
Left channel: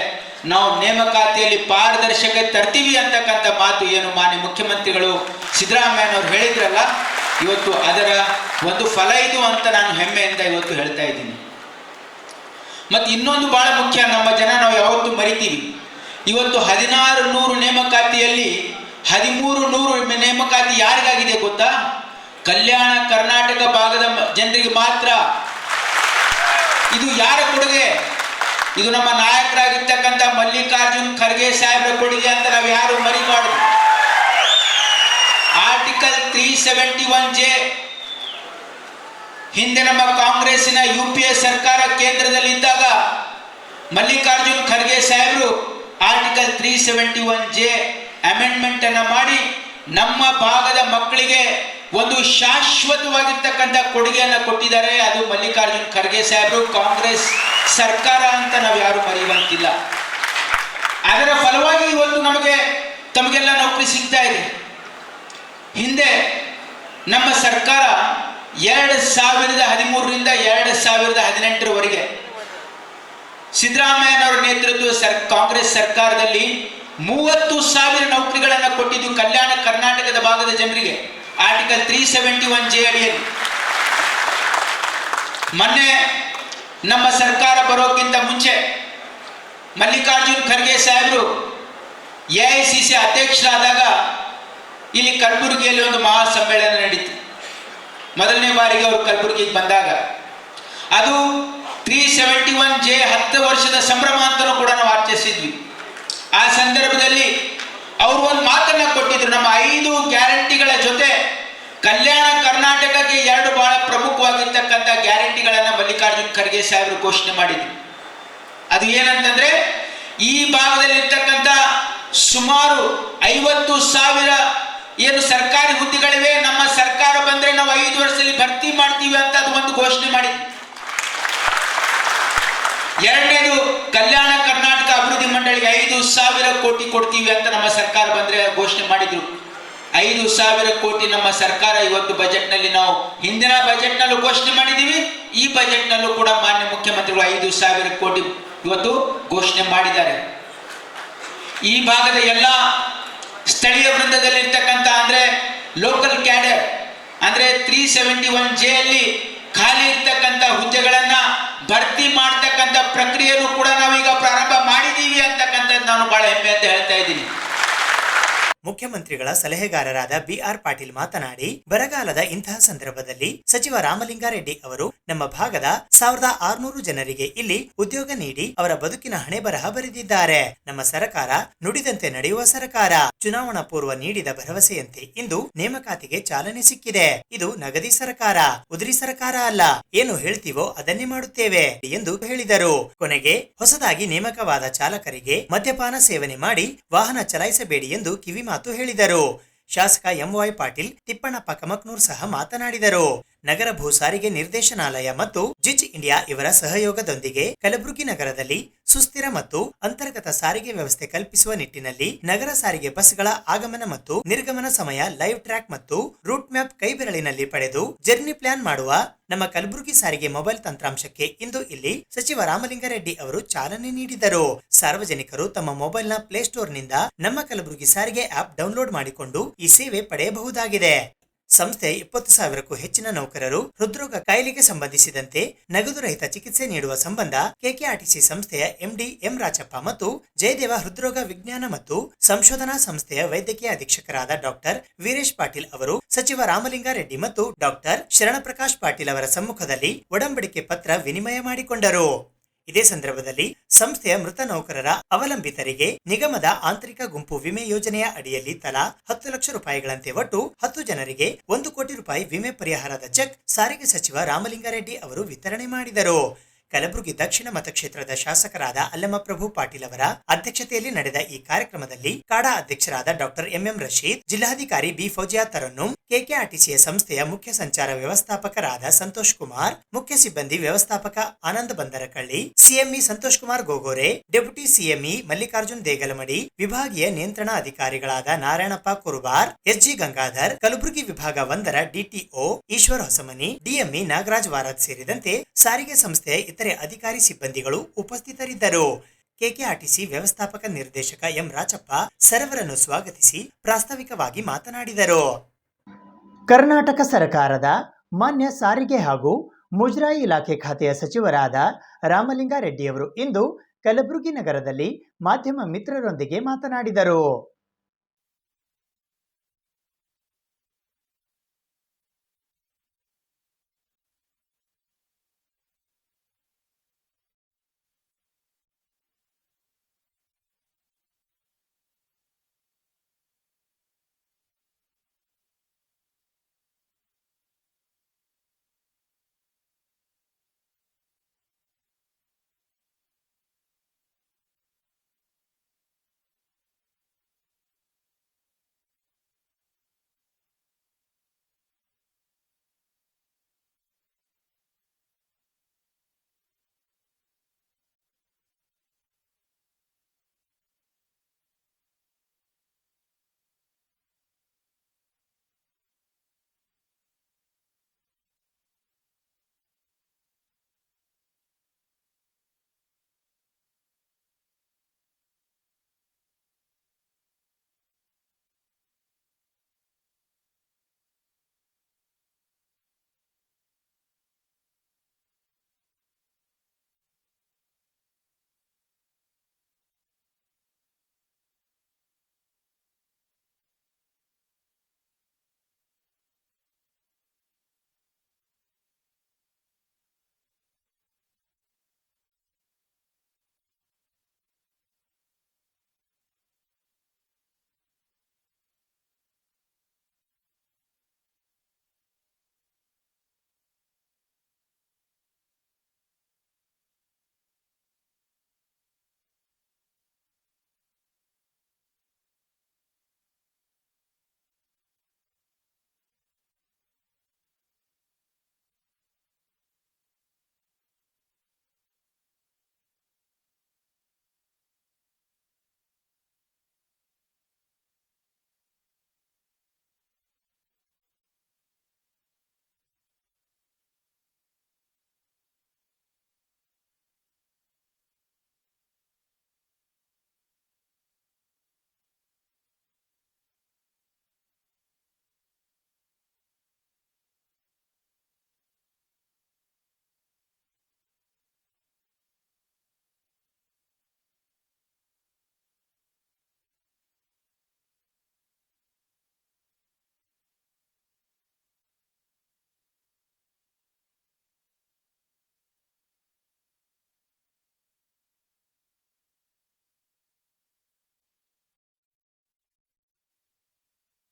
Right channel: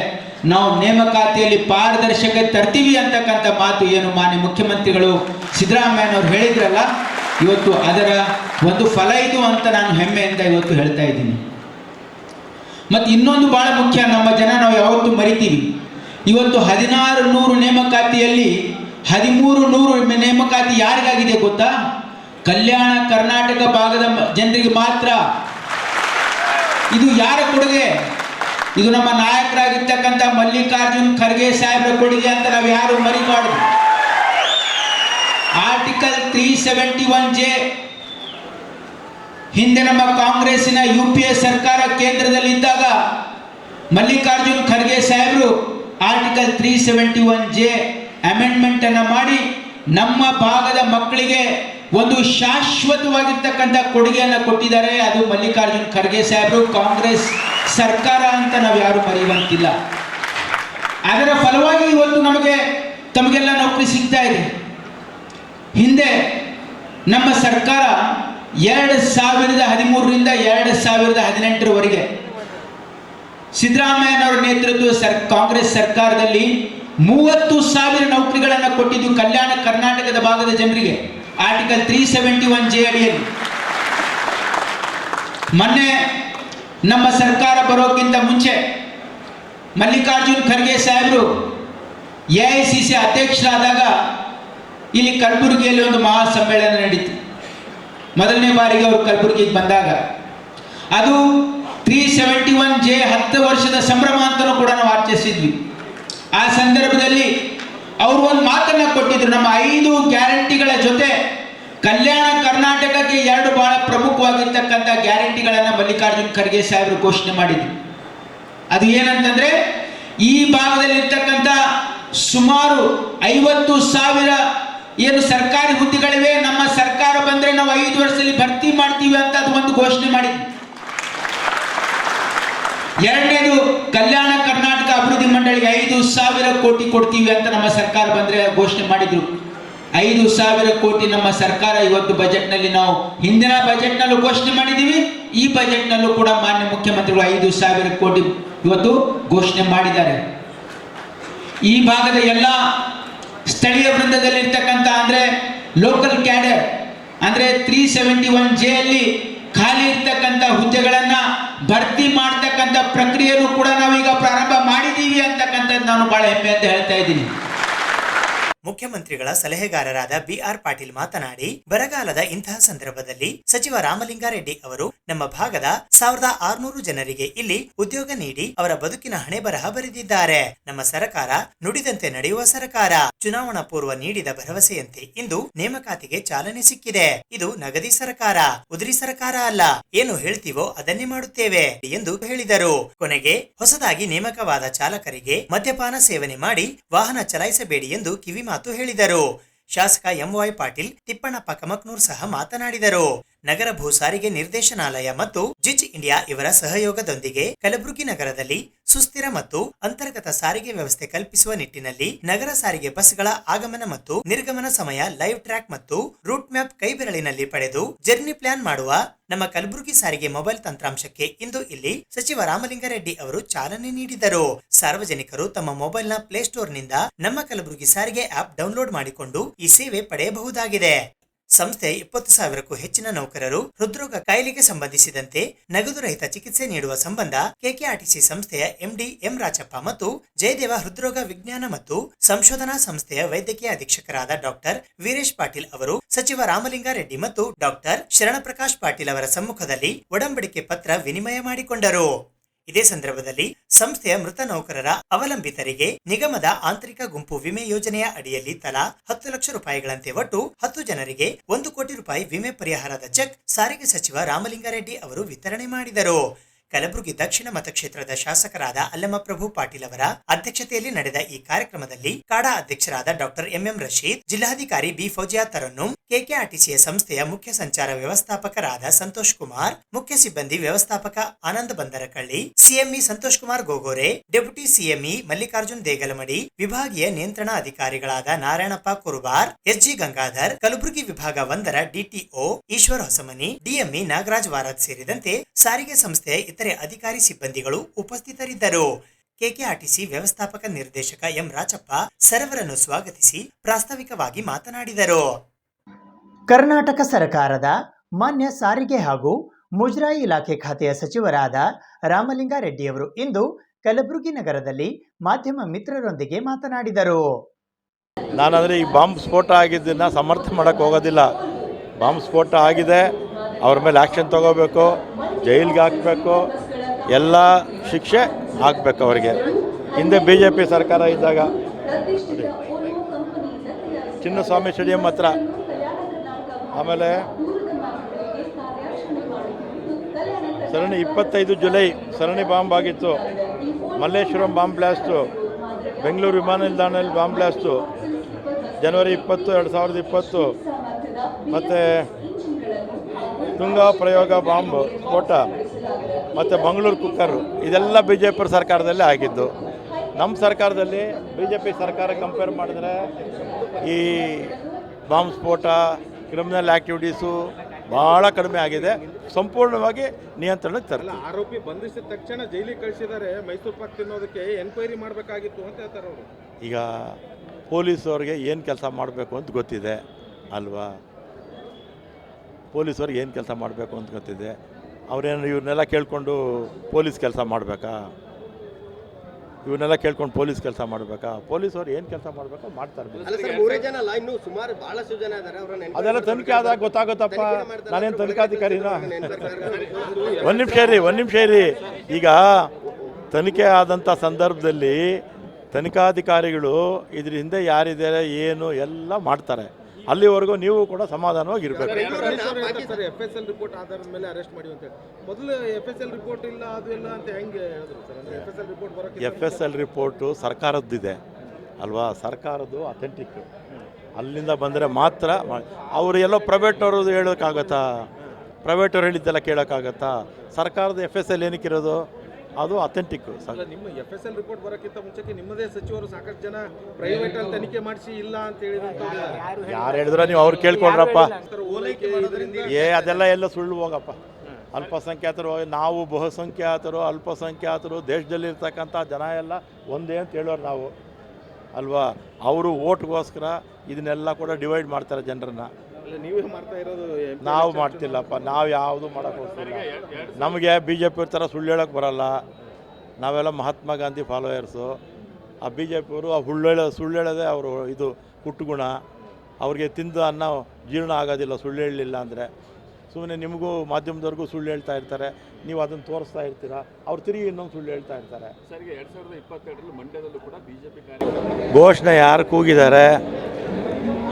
ನಾವು ನೇಮಕಾತಿಯಲ್ಲಿ ಪಾರದರ್ಶಕತೆ ತರ್ತೀವಿ ಅಂತಕ್ಕಂಥ ಮಾತು ಏನು ಮಾನ್ಯ ಮುಖ್ಯಮಂತ್ರಿಗಳು ಸಿದ್ದರಾಮಯ್ಯನವರು ಹೇಳಿದ್ರಲ್ಲ, ಇವತ್ತು ಅದರ ಒಂದು ಫಲ ಇದು ಅಂತ ನಾನು ಹೆಮ್ಮೆಯಿಂದ ಇವತ್ತು ಹೇಳ್ತಾ ಇದ್ದೀನಿ. ಮತ್ತು ಇನ್ನೊಂದು ಬಹಳ ಮುಖ್ಯ, ನಮ್ಮ ಜನ ನಾವು ಯಾವತ್ತೂ ಮರಿತೀವಿ. ಇವತ್ತು 1600 ನೇಮಕಾತಿಯಲ್ಲಿ 1300 ನೇಮಕಾತಿ ಯಾರಿಗಾಗಿದೆ ಗೊತ್ತಾ? ಕಲ್ಯಾಣ ಕರ್ನಾಟಕ ಭಾಗದ ಜನರಿಗೆ ಮಾತ್ರ. ಇದು ಯಾರ ಕೊಡುಗೆ? ಇದು ನಮ್ಮ ನಾಯಕರಾಗಿರ್ತಕ್ಕಂಥ ಮಲ್ಲಿಕಾರ್ಜುನ್ ಖರ್ಗೆ ಸಾಹೇಬ್ರ ಕೊಡುಗೆ ಅಂತ ನಾವು ಯಾರು ಮರಿಬಾರ್ದು. ಆರ್ಟಿಕಲ್ 371J ಹಿಂದೆ ನಮ್ಮ ಕಾಂಗ್ರೆಸ್ಸಿನ UPA ಸರ್ಕಾರ ಕೇಂದ್ರದಲ್ಲಿ ಇದ್ದಾಗ ಮಲ್ಲಿಕಾರ್ಜುನ್ ಖರ್ಗೆ ಸಾಹೇಬರು ಆರ್ಟಿಕಲ್ 371J ಅಮೆಂಡ್ಮೆಂಟ್ ಅನ್ನ ಮಾಡಿ ನಮ್ಮ ಭಾಗದ ಮಕ್ಕಳಿಗೆ ಒಂದು ಶಾಶ್ವತವಾಗಿರ್ತಕ್ಕಂಥ ಕೊಡುಗೆಯನ್ನು ಕೊಟ್ಟಿದ್ದಾರೆ. ಅದು ಮಲ್ಲಿಕಾರ್ಜುನ್ ಖರ್ಗೆ ಸಾಹೇಬರು, ಕಾಂಗ್ರೆಸ್ ಸರ್ಕಾರ ಅಂತ ನಾವು ಯಾರು ಮರೆಯುವಂತಿಲ್ಲ. ಅದರ ಫಲವಾಗಿ ಇವತ್ತು ತಮಗೆಲ್ಲ ನೌಕರಿ ಸಿಗ್ತಾ ಇದೆ. ಹಿಂದೆ ನಮ್ಮ ಸರ್ಕಾರ 2013ರಿಂದ 2018ರವರೆಗೆ ಸಿದ್ದರಾಮಯ್ಯನವರ ನೇತೃತ್ವದ ಕಾಂಗ್ರೆಸ್ ಸರ್ಕಾರದಲ್ಲಿ 30,000 ನೌಕರಿಗಳನ್ನು ಕೊಟ್ಟಿದ್ದು ಕಲ್ಯಾಣ ಕರ್ನಾಟಕದ ಭಾಗದ ಜನರಿಗೆ ಆರ್ಟಿಕಲ್ 371J ಅಡಿಯಲ್ಲಿ. ಮೊನ್ನೆ ನಮ್ಮ ಸರ್ಕಾರ ಬರೋಕ್ಕಿಂತ ಮುಂಚೆ ಮಲ್ಲಿಕಾರ್ಜುನ್ ಖರ್ಗೆ ಸಾಹೇಬರು AICC ಅಧ್ಯಕ್ಷರಾದಾಗ ಇಲ್ಲಿ ಕಲಬುರಗಿಯಲ್ಲಿ ಒಂದು ಮಹಾ ಸಮ್ಮೇಳನ ನಡೀತು. ಮೊದಲನೇ ಬಾರಿಗೆ ಅವರು ಕಲಬುರಗಿಗೆ ಬಂದಾಗ ಅದು 371J 10 ವರ್ಷದ ಸಂಭ್ರಮ ಅಂತಲೂ ಕೂಡ ನಾವು ಆಚರಿಸಿದ್ವಿ. ಆ ಸಂದರ್ಭದಲ್ಲಿ ಅವರು ಒಂದು ಮಾತನ್ನ ಕೊಟ್ಟಿದ್ರು, ನಮ್ಮ 5 ಗ್ಯಾರಂಟಿಗಳ ಜೊತೆ ಕಲ್ಯಾಣ ಕರ್ನಾಟಕಕ್ಕೆ 2 ಬಹಳ ಪ್ರಮುಖವಾಗಿರ್ತಕ್ಕಂಥ ಗ್ಯಾರಂಟಿಗಳನ್ನ ಮಲ್ಲಿಕಾರ್ಜುನ್ ಖರ್ಗೆ ಸಾಹೇಬರು ಘೋಷಣೆ ಮಾಡಿದ್ರು. ಅದು ಏನಂತಂದ್ರೆ, ಈ ಭಾಗದಲ್ಲಿ ಇರ್ತಕ್ಕಂಥ ಸುಮಾರು 50,000 ಏನು ಸರ್ಕಾರಿ ಹುದ್ದೆಗಳಿವೆ, ನಮ್ಮ ಸರ್ಕಾರ ಬಂದ್ರೆ ನಾವು 5 ವರ್ಷದಲ್ಲಿ ಭರ್ತಿ ಮಾಡ್ತೀವಿ ಅಂತ ಅದು ಒಂದು ಘೋಷಣೆ ಮಾಡಿದ್ರು. ಎರಡನೇದು, ಕಲ್ಯಾಣ ಕರ್ನಾಟಕ ಅಭಿವೃದ್ಧಿ ಮಂಡಳಿಗೆ 5,000 ಕೋಟಿ ಕೊಡ್ತೀವಿ ಅಂತ ನಮ್ಮ ಸರ್ಕಾರ ಬಂದ್ರೆ ಘೋಷಣೆ ಮಾಡಿದ್ರು. 5,000 ಕೋಟಿ ನಮ್ಮ ಸರ್ಕಾರ ಇವತ್ತು ಬಜೆಟ್ ನಲ್ಲಿ, ನಾವು ಹಿಂದಿನ ಬಜೆಟ್ ನಲ್ಲೂ ಘೋಷಣೆ ಮಾಡಿದೀವಿ, ಈ ಬಜೆಟ್ ನಲ್ಲೂ ಕೂಡ ಮಾನ್ಯ ಮುಖ್ಯಮಂತ್ರಿಗಳು 5,000 ಕೋಟಿ ಇವತ್ತು ಘೋಷಣೆ ಮಾಡಿದ್ದಾರೆ. ಈ ಭಾಗದ ಎಲ್ಲ ಸ್ಥಳೀಯ ವೃಂದದಲ್ಲಿ ಇರ್ತಕ್ಕಂಥ ಅಂದ್ರೆ ಲೋಕಲ್ ಕ್ಯಾಡರ್ ಅಂದ್ರೆ 371J ಅಲ್ಲಿ ಖಾಲಿ ಇರ್ತಕ್ಕಂಥ ಹುದ್ದೆಗಳನ್ನ ಭರ್ತಿ ಮಾಡ್ತಕ್ಕಂಥ ಪ್ರಕ್ರಿಯೆಯನ್ನು ಕೂಡ ನಾವೀಗ ಪ್ರಾರಂಭ ಮಾಡಿದೀವಿ ಅಂತಕ್ಕಂಥದ್ದು ನಾನು ಬಹಳ ಹೆಮ್ಮೆಯಿಂದ ಹೇಳ್ತಾ ಇದ್ದೀನಿ. ಮುಖ್ಯಮಂತ್ರಿಗಳ ಸಲಹೆಗಾರರಾದ BR ಪಾಟೀಲ್ ಮಾತನಾಡಿ, ಬರಗಾಲದ ಇಂತಹ ಸಂದರ್ಭದಲ್ಲಿ ಸಚಿವ ರಾಮಲಿಂಗಾರೆಡ್ಡಿ ಅವರು ನಮ್ಮ ಭಾಗದ 1600 ಜನರಿಗೆ ಇಲ್ಲಿ ಉದ್ಯೋಗ ನೀಡಿ ಅವರ ಬದುಕಿನ ಹಣೆ ಬರಹ ಬರೆದಿದ್ದಾರೆ. ನಮ್ಮ ಸರ್ಕಾರ ನುಡಿದಂತೆ ನಡೆಯುವ ಸರ್ಕಾರ. ಚುನಾವಣಾ ಪೂರ್ವ ನೀಡಿದ ಭರವಸೆಯಂತೆ ಇಂದು ನೇಮಕಾತಿಗೆ ಚಾಲನೆ ಸಿಕ್ಕಿದೆ. ಇದು ನಗದಿ ಸರ್ಕಾರ, ಉದುರಿ ಸರ್ಕಾರ ಅಲ್ಲ. ಏನು ಹೇಳ್ತೀವೋ ಅದನ್ನೇ ಮಾಡುತ್ತೇವೆ ಎಂದು ಹೇಳಿದರು. ಕೊನೆಗೆ ಹೊಸದಾಗಿ ನೇಮಕವಾದ ಚಾಲಕರಿಗೆ ಮದ್ಯಪಾನ ಸೇವನೆ ಮಾಡಿ ವಾಹನ ಚಲಾಯಿಸಬೇಡಿ ಎಂದು ಕಿವಿ ಮಾತು ಹೇಳಿದರು. ಶಾಸಕ MY ಪಾಟೀಲ್, ತಿಪ್ಪಣ್ಣಪ್ಪ ಕಮಕ್ನೂರ್ ಸಹ ಮಾತನಾಡಿದರು. ನಗರ ಭೂ ಸಾರಿಗೆ ನಿರ್ದೇಶನಾಲಯ ಮತ್ತು ಜಿಚ್ ಇಂಡಿಯಾ ಇವರ ಸಹಯೋಗದೊಂದಿಗೆ ಕಲಬುರಗಿ ನಗರದಲ್ಲಿ ಸುಸ್ಥಿರ ಮತ್ತು ಅಂತರ್ಗತ ಸಾರಿಗೆ ವ್ಯವಸ್ಥೆ ಕಲ್ಪಿಸುವ ನಿಟ್ಟಿನಲ್ಲಿ ನಗರ ಸಾರಿಗೆ ಬಸ್ಗಳ ಆಗಮನ ಮತ್ತು ನಿರ್ಗಮನ ಸಮಯ ಲೈವ್ ಟ್ರ್ಯಾಕ್ ಮತ್ತು ರೂಟ್ ಮ್ಯಾಪ್ ಕೈಬೆರಳಿನಲ್ಲಿ ಪಡೆದು ಜರ್ನಿ ಪ್ಲಾನ್ ಮಾಡುವ ನಮ್ಮ ಕಲಬುರಗಿ ಸಾರಿಗೆ ಮೊಬೈಲ್ ತಂತ್ರಾಂಶಕ್ಕೆ ಇಂದು ಇಲ್ಲಿ ಸಚಿವ ರಾಮಲಿಂಗಾರೆಡ್ಡಿ ಅವರು ಚಾಲನೆ ನೀಡಿದರು. ಸಾರ್ವಜನಿಕರು ತಮ್ಮ ಮೊಬೈಲ್ನ ಪ್ಲೇಸ್ಟೋರ್ನಿಂದ ನಮ್ಮ ಕಲಬುರಗಿ ಸಾರಿಗೆ ಆಪ್ ಡೌನ್ಲೋಡ್ ಮಾಡಿಕೊಂಡು ಈ ಸೇವೆ ಪಡೆಯಬಹುದಾಗಿದೆ. ಸಂಸ್ಥೆ 20,000ಕ್ಕೂ ಹೆಚ್ಚಿನ ನೌಕರರು ಹೃದ್ರೋಗ ಕಾಯಿಲೆಗೆ ಸಂಬಂಧಿಸಿದಂತೆ ನಗದು ರಹಿತ ಚಿಕಿತ್ಸೆ ನೀಡುವ ಸಂಬಂಧ ಕೆಕೆಆರ್ಟಿಸಿ ಸಂಸ್ಥೆಯ ಎಂಡಿ ಎಂ ರಾಜಪ್ಪ ಮತ್ತು ಜಯದೇವ ಹೃದ್ರೋಗ ವಿಜ್ಞಾನ ಮತ್ತು ಸಂಶೋಧನಾ ಸಂಸ್ಥೆಯ ವೈದ್ಯಕೀಯ ಅಧೀಕ್ಷಕರಾದ ಡಾಕ್ಟರ್ ವೀರೇಶ್ ಪಾಟೀಲ್ ಅವರು ಸಚಿವ ರಾಮಲಿಂಗಾರೆಡ್ಡಿ ಮತ್ತು ಡಾಕ್ಟರ್ ಶರಣಪ್ರಕಾಶ್ ಪಾಟೀಲ್ ಅವರ ಸಮ್ಮುಖದಲ್ಲಿ ಒಡಂಬಡಿಕೆ ಪತ್ರ ವಿನಿಮಯ ಮಾಡಿಕೊಂಡರು. ಇದೇ ಸಂದರ್ಭದಲ್ಲಿ ಸಂಸ್ಥೆಯ ಮೃತ ನೌಕರರ ಅವಲಂಬಿತರಿಗೆ ನಿಗಮದ ಆಂತರಿಕ ಗುಂಪು ವಿಮೆ ಯೋಜನೆಯ ಅಡಿಯಲ್ಲಿ ತಲಾ 10 ಲಕ್ಷ ರೂಪಾಯಿಗಳಂತೆ ಒಟ್ಟು 10 ಜನರಿಗೆ 1 ಕೋಟಿ ರೂಪಾಯಿ ವಿಮೆ ಪರಿಹಾರದ ಚೆಕ್ ಸಾರಿಗೆ ಸಚಿವ ರಾಮಲಿಂಗಾರೆಡ್ಡಿ ಅವರು ವಿತರಣೆ ಮಾಡಿದರು. ಕಲಬುರಗಿ ದಕ್ಷಿಣ ಮತಕ್ಷೇತ್ರದ ಶಾಸಕರಾದ ಅಲ್ಲಮಪ್ರಭು ಪಾಟೀಲ್ ಅವರ ಅಧ್ಯಕ್ಷತೆಯಲ್ಲಿ ನಡೆದ ಈ ಕಾರ್ಯಕ್ರಮದಲ್ಲಿ ಕಾಡಾ ಅಧ್ಯಕ್ಷರಾದ ಡಾಕ್ಟರ್ ಎಂಎಂ ರಶೀದ್, ಜಿಲ್ಲಾಧಿಕಾರಿ ಬಿ ಫೌಜಿಯಾ ತರನ್ನುಂ, ಕೆಕೆಆರ್ಟಿಸಿಯ ಸಂಸ್ಥೆಯ ಮುಖ್ಯ ಸಂಚಾರ ವ್ಯವಸ್ಥಾಪಕರಾದ ಸಂತೋಷ್ ಕುಮಾರ್, ಮುಖ್ಯ ಸಿಬ್ಬಂದಿ ವ್ಯವಸ್ಥಾಪಕ Anand Bandarakalli, CME Santosh Kumar Gogore, deputy CME Mallikarjun Degalamadi, ವಿಭಾಗೀಯ ನಿಯಂತ್ರಣ ಅಧಿಕಾರಿಗಳಾದ ನಾರಾಯಣಪ್ಪ ಕುರುಬಾರ್, ಎಸ್ಜಿ ಗಂಗಾಧರ್, ಕಲಬುರಗಿ ವಿಭಾಗ 1ರ ಡಿಟಿಒ ಈಶ್ವರ್ ಹೊಸಮನಿ, ಡಿಎಂಇ ನಾಗರಾಜ್ ವಾರದ್ ಸೇರಿದಂತೆ ಸಾರಿಗೆ ಸಂಸ್ಥೆಯ ಇತರೆ ಅಧಿಕಾರಿ ಸಿಬ್ಬಂದಿಗಳು ಉಪಸ್ಥಿತರಿದ್ದರು. ಕೆಕೆಆರ್ಟಿಸಿ ವ್ಯವಸ್ಥಾಪಕ ನಿರ್ದೇಶಕ ಎಂ ರಾಜಪ್ಪ ಸರ್ವರನ್ನು ಸ್ವಾಗತಿಸಿ ಪ್ರಾಸ್ತಾವಿಕವಾಗಿ ಮಾತನಾಡಿದರು. ಕರ್ನಾಟಕ ಸರ್ಕಾರದ ಮಾನ್ಯ ಸಾರಿಗೆ ಹಾಗೂ ಮುಜರಾಯಿ ಇಲಾಖೆ ಖಾತೆಯ ಸಚಿವರಾದ ರಾಮಲಿಂಗಾರೆಡ್ಡಿಯವರು ಇಂದು ಕಲಬುರಗಿ ನಗರದಲ್ಲಿ ಮಾಧ್ಯಮ ಮಿತ್ರರೊಂದಿಗೆ ಮಾತನಾಡಿದರು. ನಾನಂದರೆ ಈ ಬಾಂಬ್ ಸ್ಫೋಟ ಆಗಿದ್ದನ್ನು ಸಮರ್ಥನೆ ಮಾಡೋಕ್ಕೆ ಹೋಗೋದಿಲ್ಲ. ಬಾಂಬ್ ಸ್ಫೋಟ ಆಗಿದೆ, ಅವ್ರ ಮೇಲೆ ಆ್ಯಕ್ಷನ್ ತಗೋಬೇಕು, ಜೈಲಿಗೆ ಹಾಕಬೇಕು, ಎಲ್ಲ ಶಿಕ್ಷೆ ಹಾಕಬೇಕು ಅವರಿಗೆ. ಹಿಂದೆ BJP ಸರ್ಕಾರ ಇದ್ದಾಗ ಚಿನ್ನಸ್ವಾಮಿ ಸ್ಟೇಡಿಯಂ ಹತ್ರ, ಆಮೇಲೆ ಸರಣಿ 25 ಜುಲೈ ಸರಣಿ ಬಾಂಬ್ ಆಗಿತ್ತು, ಮಲ್ಲೇಶ್ವರಂ ಬಾಂಬ್ ಬ್ಲಾಸ್ಟು, ಬೆಂಗಳೂರು ವಿಮಾನ ನಿಲ್ದಾಣದಲ್ಲಿ ಬಾಂಬ್ ಬ್ಲಾಸ್ಟು ಜನವರಿ 20, 2020, ಮತ್ತು ತುಂಗಾ ಪ್ರಯೋಗ ಬಾಂಬ್ ಸ್ಫೋಟ, ಮತ್ತು ಮಂಗಳೂರು ಕುಕ್ಕರು, ಇದೆಲ್ಲ BJP ಸರ್ಕಾರದಲ್ಲೇ ಆಗಿದ್ದು. ನಮ್ಮ ಸರ್ಕಾರದಲ್ಲಿ BJP ಸರ್ಕಾರ ಕಂಪೇರ್ ಮಾಡಿದ್ರೆ ಈ ಬಾಂಬ್ ಸ್ಫೋಟ, ಕ್ರಿಮಿನಲ್ ಆ್ಯಕ್ಟಿವಿಟೀಸು ಭಾಳ ಕಡಿಮೆ ಆಗಿದೆ, ಸಂಪೂರ್ಣವಾಗಿ ನಿಯಂತ್ರಣಕ್ಕೆ ತರಲ್ಲ. ಆರೋಪಿ ಬಂಧಿಸಿದ ತಕ್ಷಣ ಜೈಲಿಗೆ ಕಳಿಸಿದ್ದಾರೆ, ಮೈಸೂರು ಪಾಕ್ ತಿನ್ನೋದಕ್ಕೆ ಎನ್ಕ್ವೈರಿ ಮಾಡಬೇಕಾಗಿತ್ತು ಅಂತ ಹೇಳ್ತಾರೆ ಅವರು. ಈಗ ಪೊಲೀಸವ್ರಿಗೆ ಏನು ಕೆಲಸ ಮಾಡಬೇಕು ಅಂತ ಗೊತ್ತಿದೆ ಅಲ್ವಾ, ಪೊಲೀಸವ್ರಿಗೆ ಏನು ಕೆಲಸ ಮಾಡಬೇಕು ಅಂತ ಗೊತ್ತಿದೆ. ಅವ್ರೇನು ಇವ್ರನ್ನೆಲ್ಲ ಕೇಳಿಕೊಂಡು ಪೊಲೀಸ್ ಕೆಲಸ ಮಾಡಬೇಕಾ? ಇವನ್ನೆಲ್ಲ ಕೇಳ್ಕೊಂಡು ಪೊಲೀಸ್ ಕೆಲಸ ಮಾಡಬೇಕಾ? ಪೊಲೀಸವ್ರು ಏನು ಕೆಲಸ ಮಾಡಬೇಕು ಮಾಡ್ತಾರೆ. ಅದೆಲ್ಲ ತನಿಖೆ ಆದಾಗ ಗೊತ್ತಾಗುತ್ತಪ್ಪ. ನಾನೇನು ತನಿಖಾಧಿಕಾರಿನಾ? ಒಂದು ನಿಮಿಷ ಇರಿ. ಈಗ ತನಿಖೆ ಆದಂಥ ಸಂದರ್ಭದಲ್ಲಿ ತನಿಖಾಧಿಕಾರಿಗಳು ಇದ್ರ ಹಿಂದೆ ಯಾರಿದ್ದಾರೆ ಏನು ಎಲ್ಲ ಮಾಡ್ತಾರೆ. ಅಲ್ಲಿವರೆಗೂ ನೀವು ಕೂಡ ಸಮಾಧಾನವಾಗಿರ್ಬೇಕು. FSL ರಿಪೋರ್ಟ್ ಆಧಾರದ ಮೇಲೆ ಅರೆಸ್ಟ್ ಮಾಡಿ ಅಂತ ಹೇಳಿ ಮೊದಲು FSL ರಿಪೋರ್ಟ್ ಇಲ್ಲ, ಅದು ಇಲ್ಲ ಅಂತ ಹೆಂಗೆ ಹೇಳಿದ್ರು ಸರ್? FSL ರಿಪೋರ್ಟ್ ಬರೋಕ್ಕೆ FSL ರಿಪೋರ್ಟು ಸರ್ಕಾರದ್ದಿದೆ ಅಲ್ವಾ, ಸರ್ಕಾರದ್ದು ಅಥೆಂಟಿಕ್, ಅಲ್ಲಿಂದ ಬಂದರೆ ಮಾತ್ರ. ಅವರು ಎಲ್ಲೋ ಪ್ರೈವೇಟ್ನವರು ಹೇಳೋಕ್ಕಾಗತ್ತಾ? ಪ್ರೈವೇಟವ್ರು ಹೇಳಿದ್ದೆಲ್ಲ ಕೇಳೋಕ್ಕಾಗತ್ತಾ? ಸರ್ಕಾರದ FSL ಏನಕ್ಕಿರೋದು? ಅದು ಅಥೆಂಟಿಕ್. ನಿಮ್ಮ FSL ರಿಪೋರ್ಟ್ ಬರೋಕ್ಕಿಂತ ಮುಂಚೆಗೆ ನಿಮ್ಮದೇ ಸಚಿವರು ಸಾಕಷ್ಟು ಜನ ಪ್ರೈವೇಟ್ ಅಲ್ಲಿ ತನಿಖೆ ಮಾಡಿಸಿ ಇಲ್ಲ ಅಂತ ಹೇಳಿದ್ರು. ಯಾರು ಹೇಳಿದ್ರೆ ನೀವು ಅವ್ರು ಕೇಳ್ಕೊಳ್ರಪ್ಪ. ಅದೆಲ್ಲ ಎಲ್ಲ ಸುಳ್ಳು ಹೋಗಪ್ಪ. ಅಲ್ಪಸಂಖ್ಯಾತರು, ನಾವು ಬಹುಸಂಖ್ಯಾತರು, ಅಲ್ಪಸಂಖ್ಯಾತರು, ದೇಶದಲ್ಲಿರ್ತಕ್ಕಂಥ ಜನ ಎಲ್ಲ ಒಂದೇ ಅಂತ ಹೇಳೋರು ನಾವು ಅಲ್ವಾ. ಅವರು ಓಟ್ಗೋಸ್ಕರ ಇದನ್ನೆಲ್ಲ ಕೂಡ ಡಿವೈಡ್ ಮಾಡ್ತಾರೆ ಜನರನ್ನ. ನೀವೇ ಮಾಡ್ತಾ ಇರೋದು? ನಾವು ಮಾಡ್ತಿಲ್ಲಪ್ಪ, ನಾವು ಯಾವುದು ಮಾಡೋಕ್ಕೆ ಹೋಗ್ತಿಲ್ಲ. ನಮಗೆ BJP ಥರ ಸುಳ್ಳು ಹೇಳೋಕ್ಕೆ ಬರಲ್ಲ. ನಾವೆಲ್ಲ ಮಹಾತ್ಮ ಗಾಂಧಿ ಫಾಲೋಯರ್ಸು. ಆ BJP ಅವರು ಆ ಸುಳ್ಳು ಹೇಳೋದೇ ಅವರು ಇದು ಹುಟ್ಟುಗುಣ. ಅವ್ರಿಗೆ ತಿಂದು ಅನ್ನ ಜೀರ್ಣ ಆಗೋದಿಲ್ಲ ಸುಳ್ಳು ಹೇಳಲಿಲ್ಲ ಅಂದರೆ. ಸುಮ್ಮನೆ ನಿಮಗೂ ಮಾಧ್ಯಮದವ್ರಿಗೂ ಸುಳ್ಳು ಹೇಳ್ತಾ ಇರ್ತಾರೆ, ನೀವು ಅದನ್ನು ತೋರಿಸ್ತಾ ಇರ್ತೀರಾ, ಅವ್ರು ತಿರುಗಿ ಇನ್ನೊಂದು ಸುಳ್ಳು ಹೇಳ್ತಾ ಇರ್ತಾರೆ. ಸರಿಗೆ 2022 ಮಂಡ್ಯದಲ್ಲೂ ಕೂಡ BJP ಘೋಷಣೆ ಯಾರು ಕೂಗಿದ್ದಾರೆ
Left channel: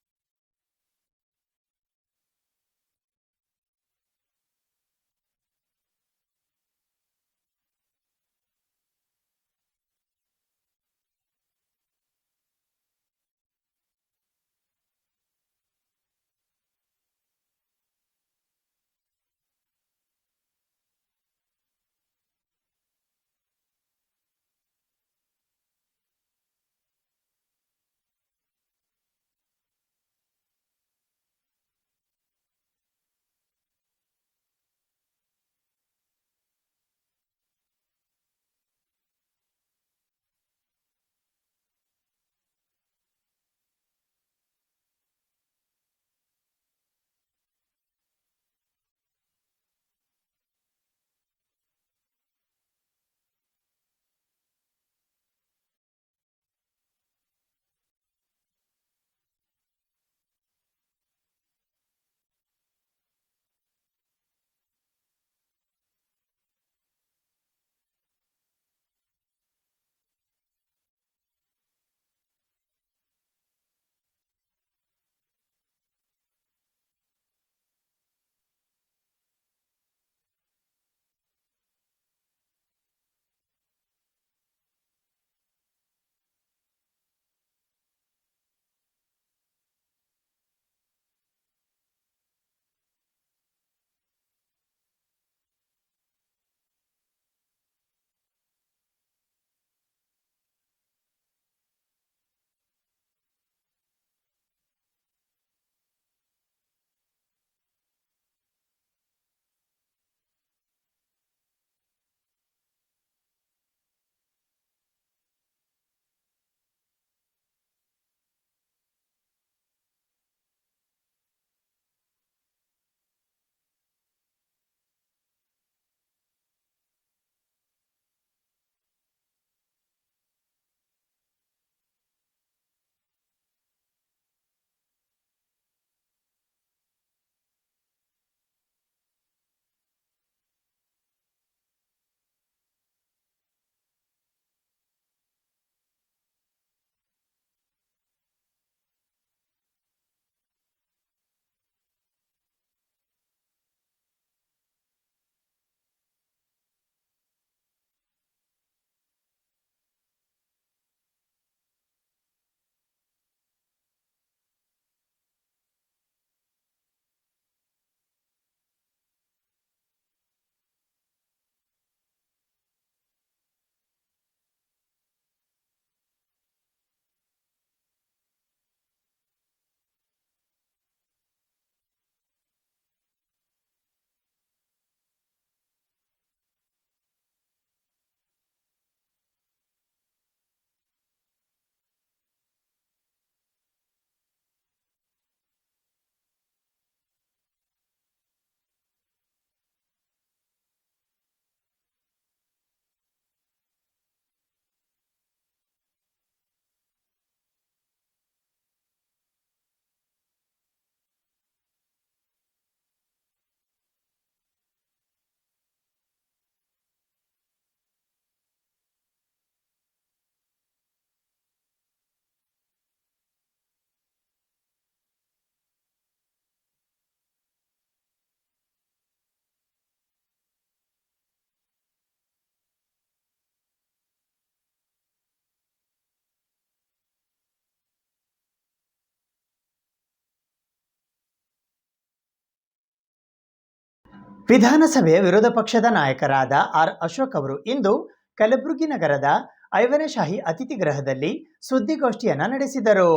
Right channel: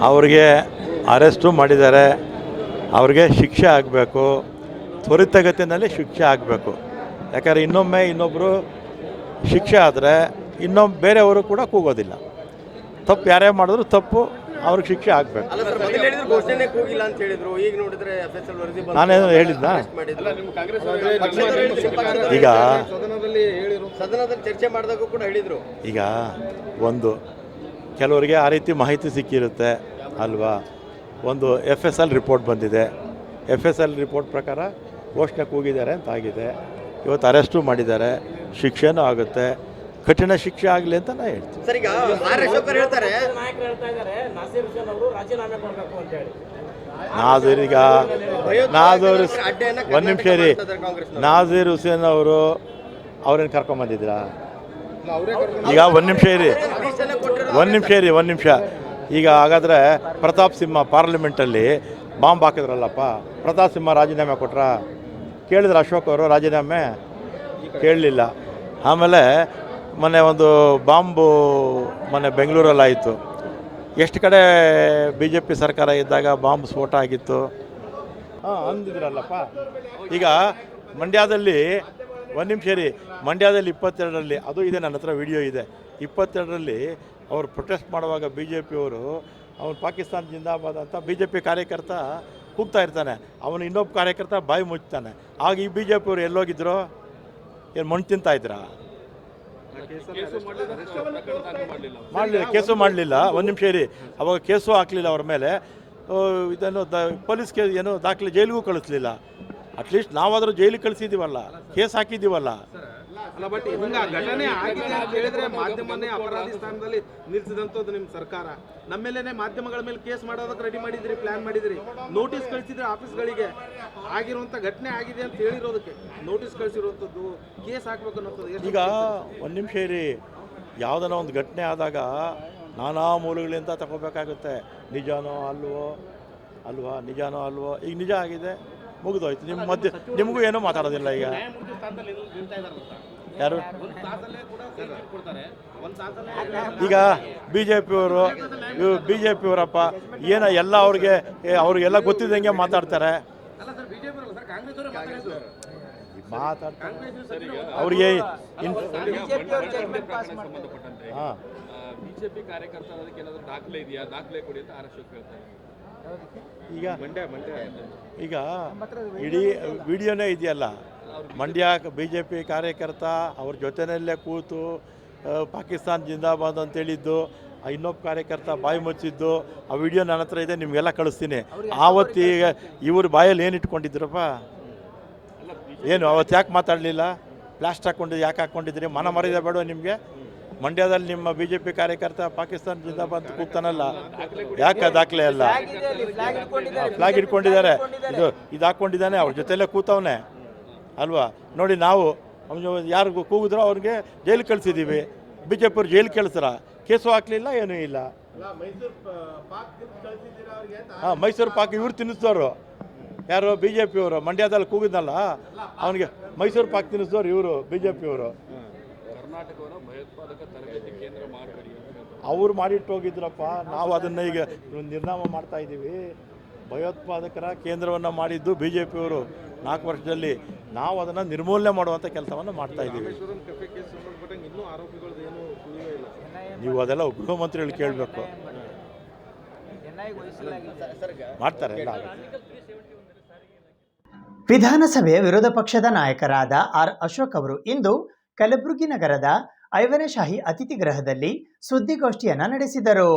ಅವ್ರಿಗೆ ಅರೆಸ್ಟು ಮಾಡಿದ್ದಾರೆ. ಅವ್ರಿಗೆ ಶಿಕ್ಷೆ ಆಗಬೇಕು, ತ್ವರಿತಗತಿನಲ್ಲಿ ಶಿಕ್ಷೆ ಆಗಬೇಕು. ಯಾಕಂದರೆ ಇನ್ನೊಮ್ಮೆ ಇನ್ನೊಬ್ಬರು ಶಿಕ್ಷೆ ಆದರೆ ಬೇರೆಯವರು ಕೂಡ ಕೂಗೋದಿಲ್ಲ. ತಪ್ಪು ಯಾರೇ ಮಾಡಿದ್ರು ತಪ್ಪು, ಅವ್ರಿಗೆ ಶಿಕ್ಷೆ ಆಗಬೇಕು. ನಾನೇನು ಹೇಳಿದ್ನಾ? ಈಗ ಸದನದಲ್ಲಿ ಚರ್ಚೆ ಮಾಡಿದಾಗ ಕೂಡ ಹೇಳಿದರು. ಈಗ ಒಂದು ಕೆಲವರಿಗೆ ಆ ರೀತಿ ಮಾಹಿತಿ ಸಿಕ್ಕಿರುತ್ತೆ ಅಲ್ವಾ. ಒಂದು FSL ರಿಪೋರ್ಟ್ ಬಂದಿದೆ. FSL ರಿಪೋರ್ಟ್ ಪ್ರಕಾರ ಘೋಷಣೆ ಕೂಗಿದ್ದಾರೆ ಅಂತ ಆಗಿದೆ. ಇವತ್ತು ಅರೆಸ್ಟು ಮಾಡಿದ್ದಾರೆ, ಶಿಕ್ಷೆನೂ ಆಗುತ್ತೆ, ಕಠಿಣ ಶಿಕ್ಷೆ ಆಗಲಿ ಅಂತ ನಾನು ಹೇಳ್ತೀನಿ. ನಾಜೀರ್ ಈಗ ಒಂದು ನಿಮಿಷ ರೀ, ನಾಜೀರ್ ಹುಸೇನ್ ಅವರು ಅವ್ರೇನು ಕರ್ಕೊಂಬಂದಿದ್ರಾ? ಈಗ ಒಂದು ನಿಮಿಷ ಈಗ ಹಾಗಾದರೆ ಪ್ರತಾಪ್ ಸಿಂಹ ಪಾರ್ಲಿಮೆಂಟಲ್ಲಿ ಬಾಂಬ್ ಹಾಕಿದ್ರಲ್ಲಪ್ಪ, ಪ್ರತಾಪ್ ಸಿಂಹ ರಾಜೀನಾಮೆ ಕೊಟ್ರ? ಕೇಳಿದ್ರು ಅಶೋಕ್ ಅವರು ರಾಜೀನಾಮೆ? ಕೇಳಲಿಲ್ಲ. ಆಮೇಲೆ ಮೊನ್ನೆ ಒಂದು ಬಾಂಬು ಮೊನ್ನೆ ಬೆಂಗಳೂರಲ್ಲಾಯಿತು. ಎಷ್ಟು ಕಡೆ ಬಿ ಜೆ ಪಿ ಸರ್ಕಾರ ಇದ್ದಾಗ ಬಾಂಬ್ ಸ್ಫೋಟ ಆಗಿತ್ತು ಅಂದಿದ್ರಲ್ಲಪ್ಪ. ಈಗ ಮಂಡ್ಯದಲ್ಲಿ ಒಂದು ನಿಮಿಷ ರೀ, ಮಂಡ್ಯದಲ್ಲಿ 22ರಲ್ಲಿ ಅದು ಇದೆ, ನನ್ನ ಹತ್ರ ವಿಡಿಯೋ ಇದೆ. 22ರಲ್ಲಿ ಅವರು ಪ್ರೊಟೆಸ್ಟ್ ಮಾಡುವಾಗ ಬಿ ಜೆ ಪಿಯವರು ಅವನು ಪಾಕಿಸ್ತಾನ ಜಿಂದಾಬಾದ್ ಅಂತ ಬಿ ಜೆ ಪಿ ಕಾರ್ಯಕರ್ತ ಕೂಗ್ತಾ ಇರ್ತಾನೆ, ಅವನು ಇನ್ನೊಬ್ಬ ಕಾರ್ಯಕರ್ತ ಬಾಯಿ ಮುಚ್ತಾನೆ. ಆಗ ಈ ಬಿ ಜೆ ಪಿಯವರು ಎಲ್ಲೋಗಿದ್ರು? ಏನು ಮಣ್ಣು ತಿಂತಾ ಇದ್ರಾ? ಮಾಡಲಿಲ್ಲ, ಕೇಸು ಮಾಡಲಿಲ್ಲ. ಒಂದು ನಿಮಿಷ ರೀ, ಅವಾಗ ಕೇಸು ಹಾಕಲಿಲ್ಲ ಅವ್ರ ಮೇಲೆ. ಇದನ್ನು ಪೊಲೀಸ್ ಕೇಸ್ ಏನು ದಾಖಲೆ, ಜೈಲಿಗೂ ಕಳಿಸ್ಲಿಲ್ಲ. ಅಟ್ಲೀಸ್ಟ್ ನಾವಾದರೂ ಜೈಲಿಗೆ ಕಳಿಸಿದ್ದೀವಲ್ಲ, ಕೇಸ್ ಹಾಕಿದ್ದೀವಲ್ಲ. ಅಲ್ಲ, ಬಟ್ ಹಿಂಗ ಘಟನೆ ಆಗಿದೆ ಅಂತ ಹೇಳಿದ್ರೆ ಮಾಧ್ಯಮನೇ ಅಪರಾಧಿ ಸ್ಥಾನದಲ್ಲಿ ನಿಲ್ಸಿದಂಥದ್ದು ನಿಮ್ಮ ಸರ್ಕಾರ. ನಮ್ಮೇಲೆ ಮಾಧ್ಯಮಗಳ ಮೇಲೆ ಕೇಸ್ ಮಾಡೋದಕ್ಕೆ ರೆಡಿ ಮಾಡಿದ್ರಿ, ಪ್ಲಾನ್ ಮಾಡಿದ್ರಿ, ನೋಟಿಸ್ ಕಳಿಸಿದ್ರೆ ಆಫೀಸ್ಗಳಿಗೆ. ಆಗಿರುವಂಥ ಘಟನೆ ಆಗಿದೆ ಅಂತ ಹೇಳಿರೋದಕ್ಕೆ ನೋಟಿಸ್ ಕಳಿಸಿರುವಂಥದ್ದು, ಕೇಸ್ ಹಾಕ್ಬೇಕು ಅನ್ನೋದು. ಈಗ ಒಂದು ನಿಮಿಷ ಇರಿ, ಯಾವುದನ್ನ ಒಂದು ಘಟನೆ ಆದಾಗ ನಾನಾ ಮೂಲಗಳಿಂದ ತಗೋಬೇಕಾಗುತ್ತೆ. ನಿಜಾನೋ ಅಲ್ವಾ, ನಿಜಾನೋ ಅಲ್ವೋ. ಈಗ ನಿಜ ಆಗಿದೆ, ಮುಗಿದೋಯ್ತು. ನಿಮ್ಮ ಮಧ್ಯೆ ನಿಮಗೂ ಏನೂ ಮಾತಾಡೋದಿಲ್ಲ. ಈಗ ಯಾರು ಈಗ ಬಿ ಜೆ ಪಿಯವರಪ್ಪ ಏನೋ ಎಲ್ಲ ಅವ್ರಿಗೆಲ್ಲ ಗೊತ್ತಿದ್ದಂಗೆ ಮಾತಾಡ್ತಾರೆ. ಅವ್ರಿಗೆ ಹಾಂ, ಬಿಜೆಪಿ ಕಾರ್ಯಕರ್ತ ಅದಕ್ಕೆ ಏನಾದರೂ ದಾಖಲೆ ಇದೆಯಾ? ದಾಖಲೆ ಕೊಡಿ ಅಂತ ಅಶೋಕ್ ಹೇಳ್ತಾರೆ. ಈಗ ಇಡೀ ವಿಡಿಯೋನೇ ಇದೆಯಲ್ಲ, ಮಂಡ್ಯ ಬಿ ಜೆ ಪಿ ಕಾರ್ಯಕರ್ತ ಅವ್ರ ಜೊತೆಯಲ್ಲೇ ಕೂತು ಪಾಕಿಸ್ತಾನ ಜಿಂದಾಬಾದ್ ಅಂತೇಳಿದ್ದು, ಇನ್ನೊಬ್ಬ ಕಾರ್ಯಕರ್ತ ಬಾಯಿ ಮುಚ್ಚಿದ್ದು, ಆ ವಿಡಿಯೋ ನನ್ನ ಹತ್ರ ಇದೆ, ನಿಮಗೆಲ್ಲ ಕಳಿಸ್ತೀನಿ. ಆವತ್ತೀಗ ಇವ್ರ ಬಾಯಲ್ಲಿ ಏನು ಇಟ್ಕೊಂಡಿದ್ರಪ್ಪ? ಏನು ಅವತ್ತು ಯಾಕೆ ಮಾತಾಡಲಿಲ್ಲ? ಪ್ಲಾಸ್ಟ್ ಯಾಕೆ ಹಾಕ್ಕೊಂಡಿದ್ರಿ? ಮನ ಮರ್ಯಾದೆ ಬೇಡ ನಿಮಗೆ? ಮಂಡ್ಯದಲ್ಲಿ ನಿಮ್ಮ ಬಿ ಜೆ ಪಿ ಕಾರ್ಯಕರ್ತ ಪಾಕಿಸ್ತಾನ ಜಿಂದಾಬಾದ್ ಕೂಗ್ತಾನಲ್ಲ, ಯಾಕೆ ದಾಖಲೆ ಅಲ್ಲ? ಫ್ಲಾಗ್ ಇಟ್ಕೊಂಡಿದ್ದಾರೆ, ಇದು ಹಾಕ್ಕೊಂಡಿದ್ದಾನೆ, ಅವ್ರ ಜೊತೆಯಲ್ಲೇ ಕೂತವನೆ ಅಲ್ವಾ? ನೋಡಿ, ನಾವು ಯಾರಿಗೂ ಕೂಗಿದ್ರೋ ಅವ್ರಿಗೆ ಜೈಲಿಗೆ ಕಳಿಸಿದ್ದೀವಿ. ಬಿ ಜೆ ಪಿಯವ್ರು ಜೈಲಿಗೆ ಕಳಿಸ್ರ? ಕೇಸು ಹಾಕಲಿಲ್ಲ, ಏನೂ ಇಲ್ಲ. ಹಾಂ, ಮೈಸೂರು ಪಾಕ್ ಇವ್ರು ತಿನ್ನಿಸಿದವರು ಯಾರು? ಬಿ ಜೆ ಪಿಯವರು. ಮಂಡ್ಯದಲ್ಲಿ ಕೂಗಿದ್ನಲ್ಲ ಅವನಿಗೆ ಮೈಸೂರು ಪಾಕ್ ತಿನ್ನಿಸಿದವ್ರು ಇವರು, ಬಿ ಜೆ ಪಿಯವರು. ಕರ್ನಾಟಕವನ್ನು ಭಯೋತ್ಪಾದಕ ತರಬೇತಿ ಕೇಂದ್ರ ಮಾಡಬೇಡಿ ಅವ್ರು ಮಾಡಿಟ್ಟು ಹೋಗಿದ್ರಪ್ಪ. ನಾವು ಅದನ್ನು ಈಗ ನಿರ್ನಾಮ ಮಾಡ್ತಾ ಇದ್ದೀವಿ. ಭಯೋತ್ಪಾದಕರ ಕೇಂದ್ರವನ್ನು ಮಾಡಿದ್ದು ಬಿ ಜೆ ಪಿಯವರು 4 ವರ್ಷದಲ್ಲಿ. ನಾವು ಅದನ್ನು ನಿರ್ಮೂಲನೆ ಮಾಡುವಂಥ ಕೆಲಸವನ್ನು ಮಾಡ್ತಾ ಇದ್ದೀವಿ. ನೀವು ಅದೆಲ್ಲ ಗೃಹ ಮಂತ್ರಿಗಳು ಕೇಳಬೇಕು, ಮಾಡ್ತಾರೆ ಎಲ್ಲ. ವಿಧಾನಸಭೆಯ ವಿರೋಧ ಪಕ್ಷದ ನಾಯಕರಾದ ಆರ್ ಅಶೋಕ್ ಅವರು ಇಂದು ಕಲಬುರಗಿ ನಗರದ 5ನೇ ಶಾಹಿ ಅತಿಥಿ ಗೃಹದಲ್ಲಿ ಸುದ್ದಿಗೋಷ್ಠಿಯನ್ನ ನಡೆಸಿದರು.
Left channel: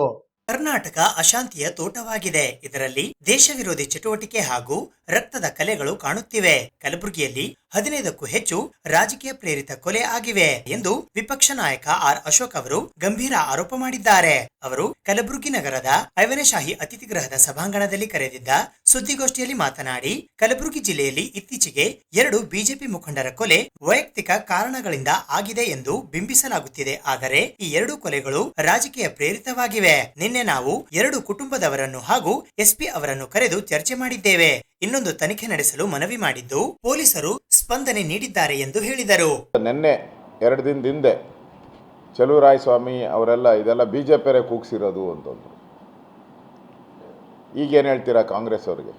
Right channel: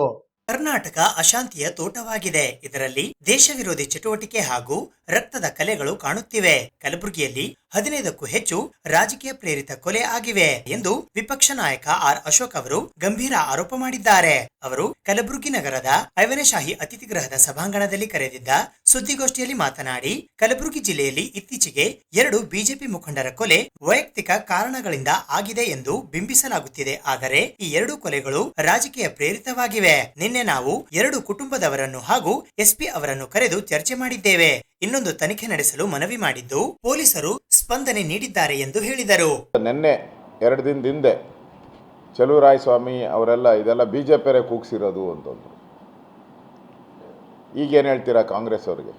ಕರ್ನಾಟಕ ಅಶಾಂತಿಯ ತೋಟವಾಗಿದೆ. ಇದರಲ್ಲಿ ದೇಶ ವಿರೋಧಿ ಚಟುವಟಿಕೆ ಹಾಗೂ ರಕ್ತದ ಕಲೆಗಳು ಕಾಣುತ್ತಿವೆ. ಕಲಬುರಗಿಯಲ್ಲಿ 15ಕ್ಕೂ ಹೆಚ್ಚು ರಾಜಕೀಯ ಪ್ರೇರಿತ ಕೊಲೆ ಆಗಿವೆ ಎಂದು ವಿಪಕ್ಷ ನಾಯಕ ಆರ್ ಅಶೋಕ್ ಅವರು ಗಂಭೀರ ಆರೋಪ ಮಾಡಿದ್ದಾರೆ. ಅವರು ಕಲಬುರಗಿ ನಗರದ 5ನೇ ಶಾಹಿ ಅತಿಥಿ ಗೃಹದ ಸಭಾಂಗಣದಲ್ಲಿ ಕರೆದಿದ್ದ ಸುದ್ದಿಗೋಷ್ಠಿಯಲ್ಲಿ ಮಾತನಾಡಿ, ಕಲಬುರಗಿ ಜಿಲ್ಲೆಯಲ್ಲಿ ಇತ್ತೀಚೆಗೆ 2 ಬಿಜೆಪಿ ಮುಖಂಡರ ಕೊಲೆ ವೈಯಕ್ತಿಕ ಕಾರಣಗಳಿಂದ ಆಗಿದೆ ಎಂದು ಬಿಂಬಿಸಲಾಗುತ್ತಿದೆ. ಆದರೆ ಈ 2 ಕೊಲೆಗಳು ರಾಜಕೀಯ ಪ್ರೇರಿತವಾಗಿವೆ. ನಿನ್ನೆ ನಾವು 2 ಕುಟುಂಬದವರನ್ನು ಹಾಗೂ ಎಸ್ಪಿ ಅವರನ್ನು ಕರೆದು ಚರ್ಚೆ ಮಾಡಿದ್ದೇವೆ. ಇನ್ನೊಂದು ತನಿಖೆ ನಡೆಸಲು ಮನವಿ ಮಾಡಿದ್ದು ಪೊಲೀಸರು ಸ್ಪಂದನೆ ನೀಡಿದ್ದಾರೆ ಎಂದು ಹೇಳಿದರು. ನಿನ್ನೆ 2 ದಿನದ ಹಿಂದೆ ಚಲುವರಾಯಸ್ವಾಮಿ ಅವರೆಲ್ಲ ಇದೆಲ್ಲ ಬಿಜೆಪಿಯರೇ ಕೂಗ್ಸಿರೋದು ಅಂತಂದ್ರು. ಈಗೇನು ಹೇಳ್ತೀರಾ ಕಾಂಗ್ರೆಸ್ ಅವರಿಗೆ?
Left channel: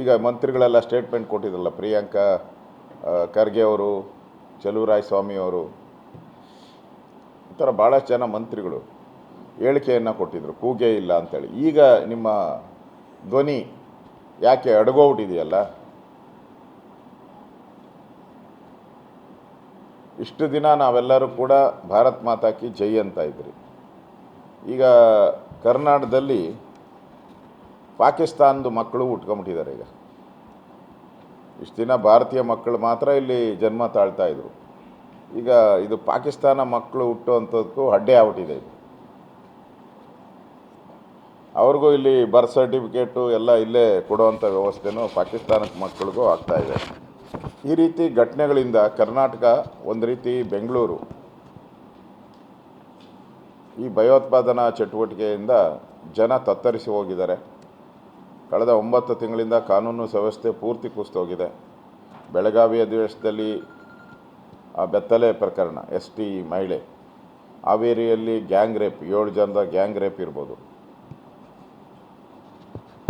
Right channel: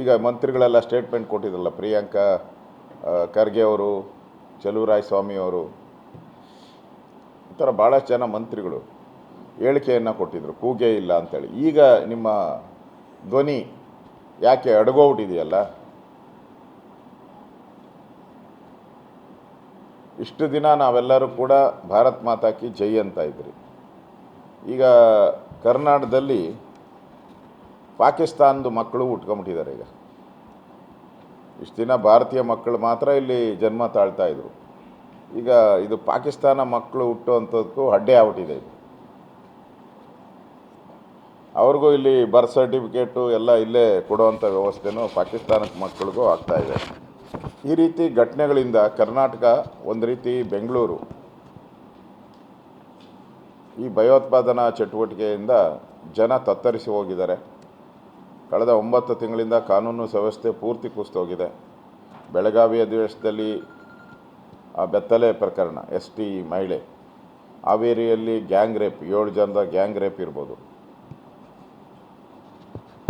ಈಗ ಮಂತ್ರಿಗಳೆಲ್ಲ ಸ್ಟೇಟ್ಮೆಂಟ್ ಕೊಟ್ಟಿದ್ರಲ್ಲ, ಪ್ರಿಯಾಂಕಾ ಖರ್ಗೆ ಅವರು, ಚಲುವರಾಯಸ್ವಾಮಿ ಅವರು, ಈ ಥರ ಭಾಳಷ್ಟು ಜನ ಮಂತ್ರಿಗಳು ಹೇಳಿಕೆಯನ್ನು ಕೊಟ್ಟಿದ್ರು, ಕೂಗೇ ಇಲ್ಲ ಅಂತೇಳಿ. ಈಗ ನಿಮ್ಮ ಧ್ವನಿ ಯಾಕೆ ಅಡಗೋಗ್ಬಿಟ್ಟಿದೆಯಲ್ಲ? ಇಷ್ಟು ದಿನ ನಾವೆಲ್ಲರೂ ಕೂಡ ಭಾರತ್ ಮಾತಾ ಕಿ ಜೈ ಅಂತ ಇದ್ರಿ. ಈಗ ಕರ್ನಾಟಕದಲ್ಲಿ ಪಾಕಿಸ್ತಾನದ ಮಕ್ಕಳು ಉಟ್ಕೊಂಬಿಟ್ಟಿದ್ದಾರೆ. ಈಗ ಇಷ್ಟು ದಿನ ಭಾರತೀಯ ಮಕ್ಕಳು ಮಾತ್ರ ಇಲ್ಲಿ ಜನ್ಮ ತಾಳ್ತಾ ಇದ್ರು. ಈಗ ಇದು ಪಾಕಿಸ್ತಾನ ಮಕ್ಕಳು ಹುಟ್ಟುವಂಥದ್ದಕ್ಕೂ ಅಡ್ಡೆ ಆಗ್ಬಿಟ್ಟಿದೆ. ಇದು ಅವ್ರಿಗೂ ಇಲ್ಲಿ ಬರ್ತ್ ಸರ್ಟಿಫಿಕೇಟು ಎಲ್ಲ ಇಲ್ಲೇ ಕೊಡುವಂಥ ವ್ಯವಸ್ಥೆನೂ ಪಾಕಿಸ್ತಾನಕ್ಕೆ ಮಕ್ಕಳಿಗೂ ಆಗ್ತಾಯಿದೆ. ಈ ರೀತಿ ಘಟನೆಗಳಿಂದ ಕರ್ನಾಟಕ ಒಂದು ರೀತಿ ಬೆಂಗಳೂರು ಈ ಭಯೋತ್ಪಾದನಾ ಚಟುವಟಿಕೆಯಿಂದ ಜನ ತತ್ತರಿಸಿ ಹೋಗಿದ್ದಾರೆ. ಕಳೆದ 9 ತಿಂಗಳಿಂದ ಕಾನೂನು ವ್ಯವಸ್ಥೆ ಪೂರ್ತಿ ಕುಸಿದೋಗಿದೆ. ಬೆಳಗಾವಿ ಅಧಿವೇಶನದಲ್ಲಿ ಆ ಬೆತ್ತಲೆ ಪ್ರಕರಣ, ST ಮಹಿಳೆ, ಹಾವೇರಿಯಲ್ಲಿ ಗ್ಯಾಂಗ್ ರೇಪ್, 7 ಜನದ ಗ್ಯಾಂಗ್ ರೇಪ್ ಇರ್ಬೋದು,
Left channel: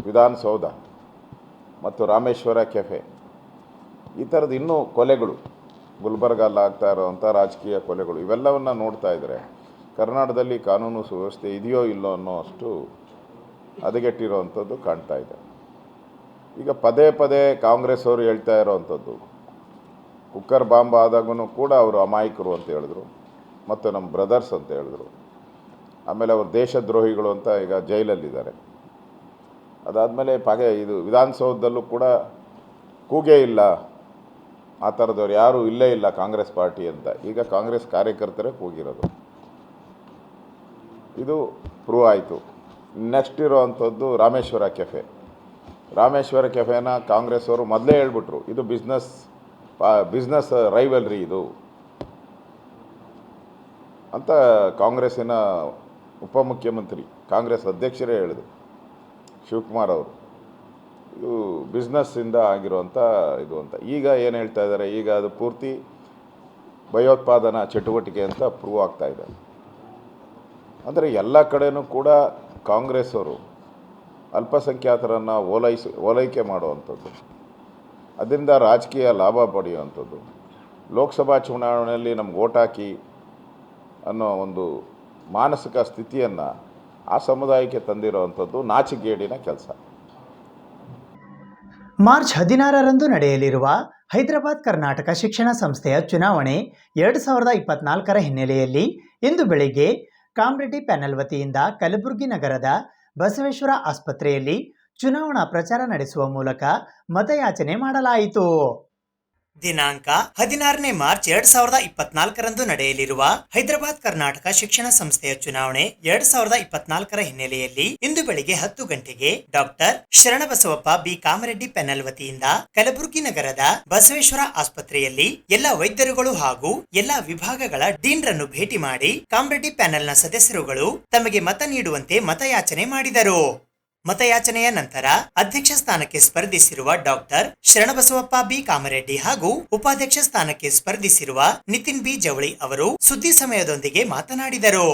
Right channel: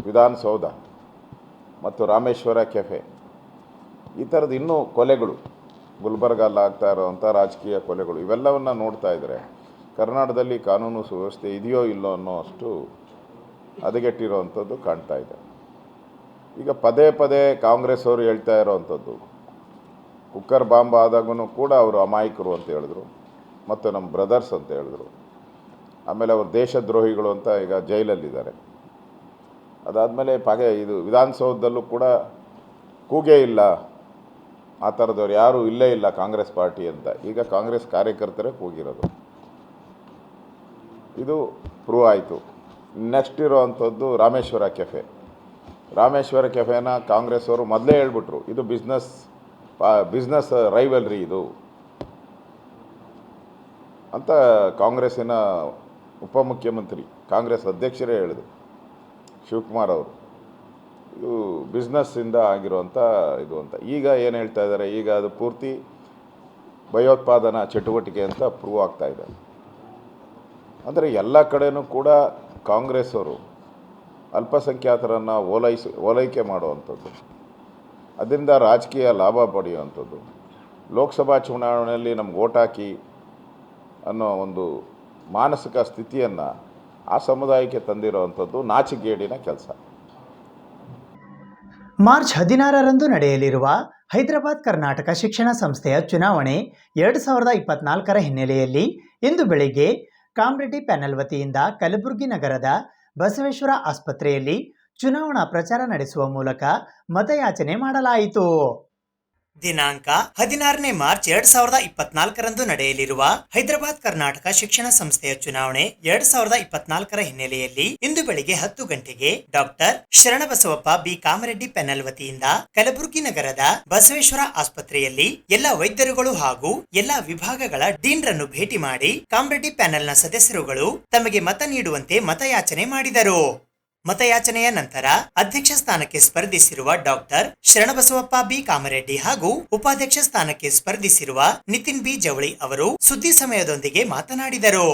ವಿಧಾನಸೌಧ ಮತ್ತು ರಾಮೇಶ್ವರ ಕೆಫೆ, ಈ ಥರದ್ದು ಇನ್ನೂ ಕೊಲೆಗಳು, ಗುಲ್ಬರ್ಗಲ್ಲಿ ಆಗ್ತಾ ಇರೋವಂಥ ರಾಜಕೀಯ ಕೊಲೆಗಳು, ಇವೆಲ್ಲವನ್ನು ನೋಡ್ತಾ ಇದ್ದರೆ ಕರ್ನಾಟಕದಲ್ಲಿ ಕಾನೂನು ಸುವ್ಯವಸ್ಥೆ ಇದೆಯೋ ಇಲ್ಲೋ ಅನ್ನೋ ಅಷ್ಟು ಹದಗೆಟ್ಟಿರೋವಂಥದ್ದು ಕಾಣ್ತಾ ಇದೆ. ಈಗ ಪದೇ ಪದೇ ಕಾಂಗ್ರೆಸ್ ಅವರು ಹೇಳ್ತಾ ಇರೋವಂಥದ್ದು, ಕುಕ್ಕರ್ ಬಾಂಬ್ ಆದಾಗೂ ಕೂಡ ಅವರು ಅಮಾಯಕರು ಅಂತ ಹೇಳಿದ್ರು, ಮತ್ತು ನಮ್ಮ ಬ್ರದರ್ಸ್ ಅಂತ ಹೇಳಿದ್ರು. ಆಮೇಲೆ ಅವರು ದೇಶದ್ರೋಹಿಗಳು ಅಂತ ಈಗ ಜೈಲಲ್ಲಿದ್ದಾರೆ. ಅದಾದಮೇಲೆ ಇದು ವಿಧಾನಸೌಧದಲ್ಲೂ ಕೂಡ ಕೂಗೇ ಇಲ್ಲ, ಆ ಥರದವ್ರು ಯಾರೂ ಇಲ್ಲೇ ಇಲ್ಲ ಕಾಂಗ್ರೆಸ್ ಪಾರ್ಟಿ ಅಂತ. ಈಗ ಕಾಂಗ್ರೆಸ್ ಕಾರ್ಯಕರ್ತರೇ ಕೂಗಿರೋದು, ಇದು ಪ್ರೂವ್ ಆಯಿತು. ನೆಕ್ಸ್ಟ್ ಇರೋವಂಥದ್ದು ರಾಮೇಶ್ವರ ಕೆಫೆನ ಕಾಂಗ್ರೆಸ್ ಅವರು ಮೊದಲೇ ಹೇಳ್ಬಿಟ್ರು, ಇದು ಬಿಸ್ನೆಸ್ ರೈವಲ್ರಿ ಇದು ಅಂತ. ಕಾಂಗ್ರೆಸ್ಸಿನ ಉಪಮುಖ್ಯಮಂತ್ರಿ, ಕಾಂಗ್ರೆಸ್ ಅಧ್ಯಕ್ಷರೇ ಹೇಳಿದ್ರು, ಶಿವಕುಮಾರ್ ಅವರು, ಇದು ಬಿಸ್ನೆಸ್ಸಿಂದ ಆಗಿರುವಂಥ ಇದು ಅಂತ. ಈಗ ಏನು ಹೇಳ್ತಾ ಇದ್ದಾರೆ, ಈಗ ಅದು ಪೂರ್ತಿ ಭಯೋತ್ಪಾದನಾ ಚಟುವಟಿಕೆ ಅಂತ ಪ್ರೂವ್ ಆಗ್ತಾ ಇದೆ. ಅಂದರೆ ಎಲ್ಲ ಕಡೆಯೂ ಕೂಡ ಕಾಂಗ್ರೆಸ್ ಅವರು ಅಲ್ಪಸಂಖ್ಯಾತರನ್ನು ಓಲೈಕೆ ಮಾಡುವಂಥದ್ದು, ಅದರಿಂದ ರಾಜಕೀಯ ಲಾಭ ಪಡೆಯುವಂಥದ್ದು, ಲೋಕಸಭಾ ಚುನಾವಣೆಯಲ್ಲಿ ನಮ್ಗೆ ಓಟ್ ಹಾಕಿ ಅನ್ನೋ ಒಂದು ಮಾನಸಿಕ ಸ್ಥಿತಿಯನ್ನು ಆ ಸಮುದಾಯಕ್ಕೆ ತಂದಿರುವಂಥದ್ದು ನಾಚಿಕೆಗೇಡಿನ ಕೆಲಸ. ಮಾರ್ಚ್ 16ರಂದು ನಡೆಯಲಿರುವ ಹೈದರಾಬಾದ್ ಕರ್ನಾಟಕ ಶಿಕ್ಷಣ ಸಂಸ್ಥೆಯ ಚುನಾವಣೆ 2024ರ ಹಿನ್ನೆಲೆಯಲ್ಲಿ ಇಂದು ಬೆಳಿಗ್ಗೆ ಕಾಮರೆಡ್ಡಿ ಪ್ಯಾನೆಲ್ ವತಿಯಿಂದ ಕಲಬುರಗಿ ನಗರದ ಬಸವೇಶ್ವರ ಆಸ್ಪತ್ರೆಯಲ್ಲಿ ಚುನಾವಣಾ ಪ್ರಚಾರ ನಡೆಸುವ ಮೂಲಕ ಮತಯಾಚನೆ ಮಾಡಲಾಯಿತು. ದಿನಾಂಕ 16ನೇ ಮಾರ್ಚ್ 2024ರಂದು ನಡೆಯಲಿರುವ ಹೈದರಾಬಾದ್ ಕರ್ನಾಟಕ ಶಿಕ್ಷಣ ಸಂಸ್ಥೆಯ ಚುನಾವಣೆ 2024ರ ಹಿನ್ನೆಲೆಯಲ್ಲಿ ಇಂದು ಬೆಳಿಗ್ಗೆ 10 ಗಂಟೆಗೆ doctor Sharanabasavappa B Kamareddy panel ವತಿಯಿಂದ ಕಲಬುರಗಿ ನಗರದ ಬಸವೇಶ್ವರ ಆಸ್ಪತ್ರೆಯಲ್ಲಿ ಎಲ್ಲ ವೈದ್ಯರುಗಳು ಹಾಗೂ ಎಲ್ಲಾ ವಿಭಾಗಗಳ ಡೀನ್ರನ್ನು ಭೇಟಿ ಮಾಡಿ ಕಾಮರೆಡ್ಡಿ ಪ್ಯಾನೆಲ್ನ ಸದಸ್ಯರುಗಳು ತಮಗೆ ಮತ ನೀಡುವಂತೆ ಮತಯಾಚನೆ ಮಾಡಿದರು. ಮತಯಾಚನೆಯ ನಂತರ ಅಧ್ಯಕ್ಷ ಸ್ಥಾನಕ್ಕೆ ಸ್ಪರ್ಧಿಸಿರುವ ಡಾಕ್ಟರ್ ಶರಣಬಸವಪ್ಪ ಬಿ ಕಾಮರೆಡ್ಡಿ ಹಾಗೂ ಉಪಾಧ್ಯಕ್ಷ ಸ್ಥಾನಕ್ಕೆ ಸ್ಪರ್ಧಿಸಿರುವ ನಿತಿನ್ ಬಿ ಜವಳಿ ಅವರು ಸುದ್ದಿ ಸಮಯದೊಂದಿಗೆ ಮಾತನಾಡಿದರು.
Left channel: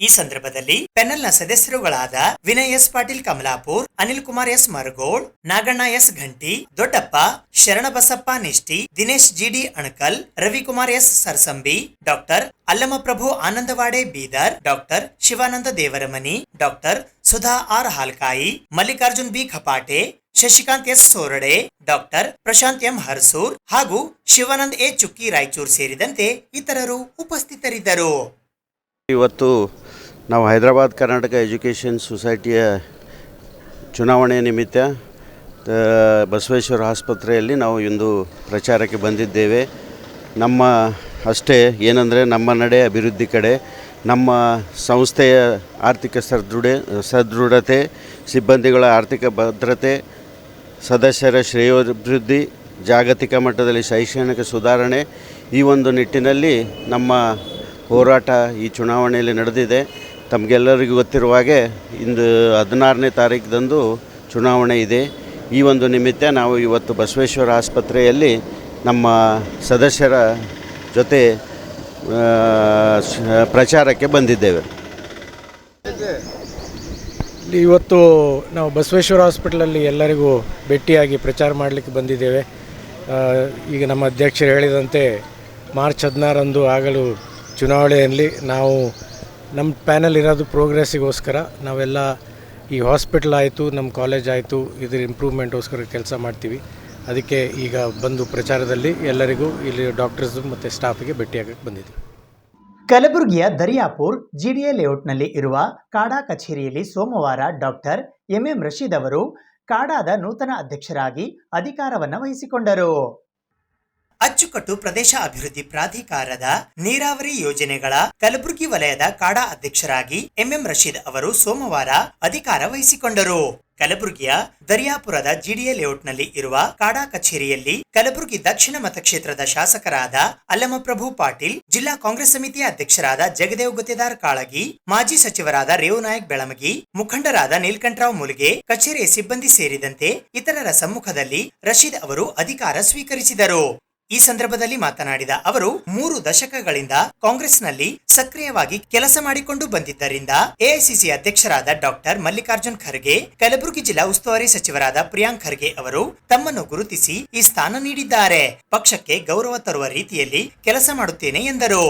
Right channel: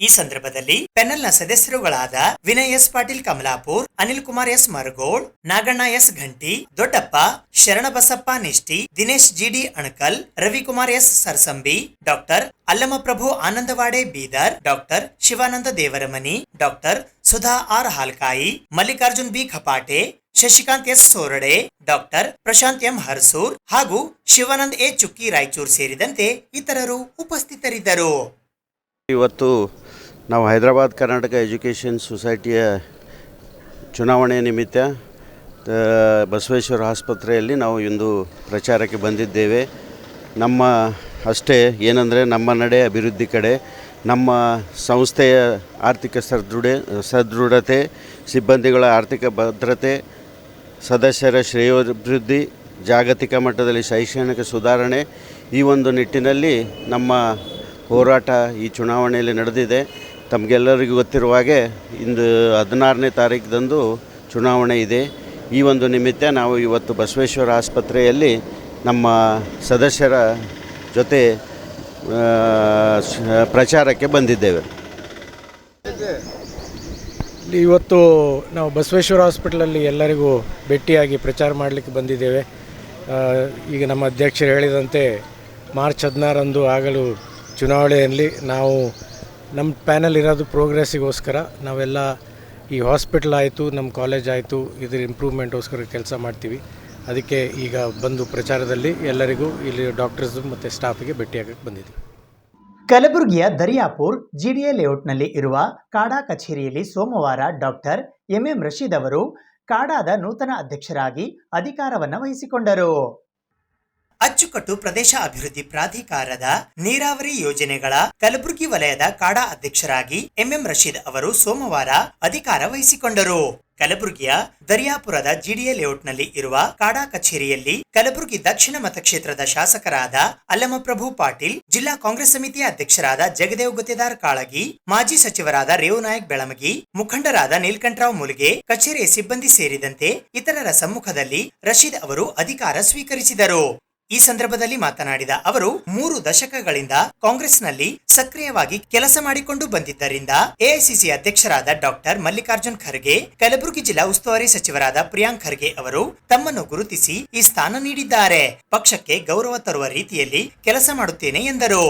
ಈ ಸಂದರ್ಭದಲ್ಲಿ ಪ್ಯಾನೆಲ್ನ ಸದಸ್ಯರುಗಳಾದ Vinay S Patil Kamalapur, Anil Kumar S Maragol, Naganna S Ghanti, Doddappa, Sharanabasappa Nishti, Dinesh GD Anakal, Ravikumar S Sarsambi, doctor Allamaprabhu Anandawade Bidar, doctor Shivananda Devaramani, doctor Sudha R Halkai, Mallikarjun B Khapate, Shashikant S Sorade, doctor Prashant M Harsoor ಹಾಗೂ ಶಿವಾನಂದ್ ಎ ಚುಕ್ಕಿ ರಾಯಚೂರ್ ಸೇರಿದಂತೆ ಇತರರು ಉಪಸ್ಥಿತರಿದ್ದರು. ಇವತ್ತು ನಾವು ಹೈದರಾಬಾದ್ ಕರ್ನಾಟಕ ಎಜುಕೇಷನ್ ಸೊಸೈಟಿಯ ಚುನಾವಣೆ ನಿಮಿತ್ತ ಬಸವೇಶ್ವರ ಆಸ್ಪತ್ರೆಯಲ್ಲಿ ನಾವು ಇಂದು ಪ್ರಚಾರಕ್ಕೆ ಬಂದಿದ್ದೇವೆ. ನಮ್ಮ ಅಷ್ಟೇ ಏನಂದರೆ ನಮ್ಮ ನಡೆ ಅಭಿವೃದ್ಧಿ ಕಡೆ, ನಮ್ಮ ಸಂಸ್ಥೆಯ ಆರ್ಥಿಕ ಸದೃಢತೆ, ಸಿಬ್ಬಂದಿಗಳ ಆರ್ಥಿಕ ಭದ್ರತೆ, ಸದಸ್ಯರ ಶ್ರೇಯೋಭಿವೃದ್ಧಿ, ಜಾಗತಿಕ ಮಟ್ಟದಲ್ಲಿ ಶೈಕ್ಷಣಿಕ ಸುಧಾರಣೆ, ಈ ಒಂದು ನಿಟ್ಟಿನಲ್ಲಿ ನಮ್ಮ ಹೋರಾಟ ಈ ಚುನಾವಣೆಯಲ್ಲಿ ನಡೆದಿದೆ. ತಮಗೆಲ್ಲರಿಗೂ ಗೊತ್ತಿರುವ ಹಾಗೆ ಇಂದು 16ನೇ ತಾರೀಕಿದಂದು ಚುನಾವಣೆ ಇದೆ. ಈ ಒಂದು ನಿಮಿತ್ತ ನಾವು ಇವತ್ತು ಬಸವೇಶ್ವರ ಆಸ್ಪತ್ರೆಯಲ್ಲಿ ನಮ್ಮ ಸದಸ್ಯರ ಜೊತೆ ಪ್ರಚಾರಕ್ಕೆ ಬಂದಿದ್ದೇವೆ. ಇವತ್ತು ನಾವು ಬಸವೇಶ್ವರ ಹಾಸ್ಪಿಟಲಲ್ಲಿ ಎಲ್ಲರಿಗೂ ಭೇಟಿಯಾಗಿ ಪ್ರಚಾರ ಮಾಡಲಿಕ್ಕೆ ಬಂದಿದ್ದೇವೆ. ಈಗ ನಮ್ಮ ಅಧ್ಯಕ್ಷರು ಹೇಳಿದಂತೆ ಮಾರ್ಚ್ 16ರಂದು ಆಗಲು ಚುನಾವಣೆಯಲ್ಲಿ ನಾವು ನಮ್ಮ ಪ್ಯಾನಲ್ ಇರೋದು ಪ್ರೋಗ್ರೆಸ್ಸಿಗೋಸ್ಕರ. ನಾವೆಲ್ಲ ಈ ಹಾಸ್ಪಿಟಲ್ ಆಯಿತು, ನಮ್ಮ ಕಾಲೇಜ್ ಆಯಿತು, ಇದ್ರ ಇಂಪ್ರೂವ್ಮೆಂಟ್ಗೋಸ್ಕರ ಕೆಲಸ ಮಾಡ್ತೀವಿ. ಅದಕ್ಕೆ ಈಗ ಬಂದು ಪ್ರಚಾರದಲ್ಲಿ ಎಲ್ಲರಿಗೂ ಇಲ್ಲಿ ಡಾಕ್ಟರ್ಸ್ ಮತ್ತು ಸ್ಟಾಫಿಗೆ ಭೇಟಿಯಾಗಕ್ಕೆ ಬಂದಿದ್ದೀವಿ. ಕಲಬುರಗಿಯ ದರಿಯಾಪುರ್ GDA ಲೇಔಟ್ನಲ್ಲಿ ಇರುವ ಕಾಡಾ ಕಚೇರಿಯಲ್ಲಿ ಸೋಮವಾರ ಡಾಕ್ಟರ್ MM ರಶೀದ್ ಅವರು ಕಾಡಾದ ನೂತನ ಅಧ್ಯಕ್ಷರಾಗಿ ಅಧಿಕಾರವನ್ನು ವಹಿಸಿಕೊಂಡರು. ಅಚ್ಚುಕಟ್ಟು ಪ್ರದೇಶ ಅಭಿವೃದ್ಧಿ ಪ್ರಾಧಿಕಾರದ ನೀರಾವರಿ ಯೋಜನೆಗಳ ಕಲಬುರಗಿ ವಲಯದ ಕಾಡಾ ಅಧ್ಯಕ್ಷರಾಗಿ ಎಂಎಂ ರಶೀದ್ ಅವರು ಸೋಮವಾರ ಅಧಿಕಾರ ವಹಿಸಿಕೊಂಡರು. ಕಲಬುರಗಿಯ ದರಿಯಾಪುರದ ಜಿಡಿಎ ಲೇಔಟ್ನಲ್ಲಿ ಇರುವ ಕಾಡಾ ಕಚೇರಿಯಲ್ಲಿ ಕಲಬುರಗಿ ದಕ್ಷಿಣ ಮತಕ್ಷೇತ್ರದ ಶಾಸಕರಾದ ಅಲ್ಲಮಪ್ರಭು ಪಾಟೀಲ್, ಜಿಲ್ಲಾ ಕಾಂಗ್ರೆಸ್ ಸಮಿತಿಯ ಅಧ್ಯಕ್ಷರಾದ ಜಗದೇವ್ ಗುತ್ತೇದಾರ್ ಕಾಳಗಿ, ಮಾಜಿ ಸಚಿವರಾದ ರೇವುನಾಯಕ್ ಬೆಳಮಗಿ, ಮುಖಂಡರಾದ ನೀಲಕಂಠರಾವ್ ಮುಲ್ಗೆ, ಕಚೇರಿಯ ಸಿಬ್ಬಂದಿ ಸೇರಿದಂತೆ ಇತರರ ಸಮ್ಮುಖದಲ್ಲಿ ರಶೀದ್ ಅವರು ಅಧಿಕಾರ ಸ್ವೀಕರಿಸಿದರು. ಈ ಸಂದರ್ಭದಲ್ಲಿ ಮಾತನಾಡಿದ ಅವರು 3 ದಶಕಗಳಿಂದ ಕಾಂಗ್ರೆಸ್ನಲ್ಲಿ ಸಕ್ರಿಯವಾಗಿ ಕೆಲಸ ಮಾಡಿಕೊಂಡು ಬಂದಿದ್ದರಿಂದ ಎಐಸಿಸಿ ಅಧ್ಯಕ್ಷರಾದ ಡಾಕ್ಟರ್ ಮಲ್ಲಿಕಾರ್ಜುನ್ ಖರ್ಗೆ, ಕಲಬುರಗಿ ಜಿಲ್ಲಾ ಉಸ್ತುವಾರಿ ಸಚಿವರಾದ ಪ್ರಿಯಾಂಕ್ ಖರ್ಗೆ ಅವರು ತಮ್ಮನ್ನು ಗುರುತಿಸಿ ಈ ಸ್ಥಾನ ನೀಡಿದ್ದಾರೆ. ಪಕ್ಷಕ್ಕೆ ಗೌರವ ತರುವ ರೀತಿಯಲ್ಲಿ ಕೆಲಸ ಮಾಡುತ್ತೇನೆ ಎಂದರು.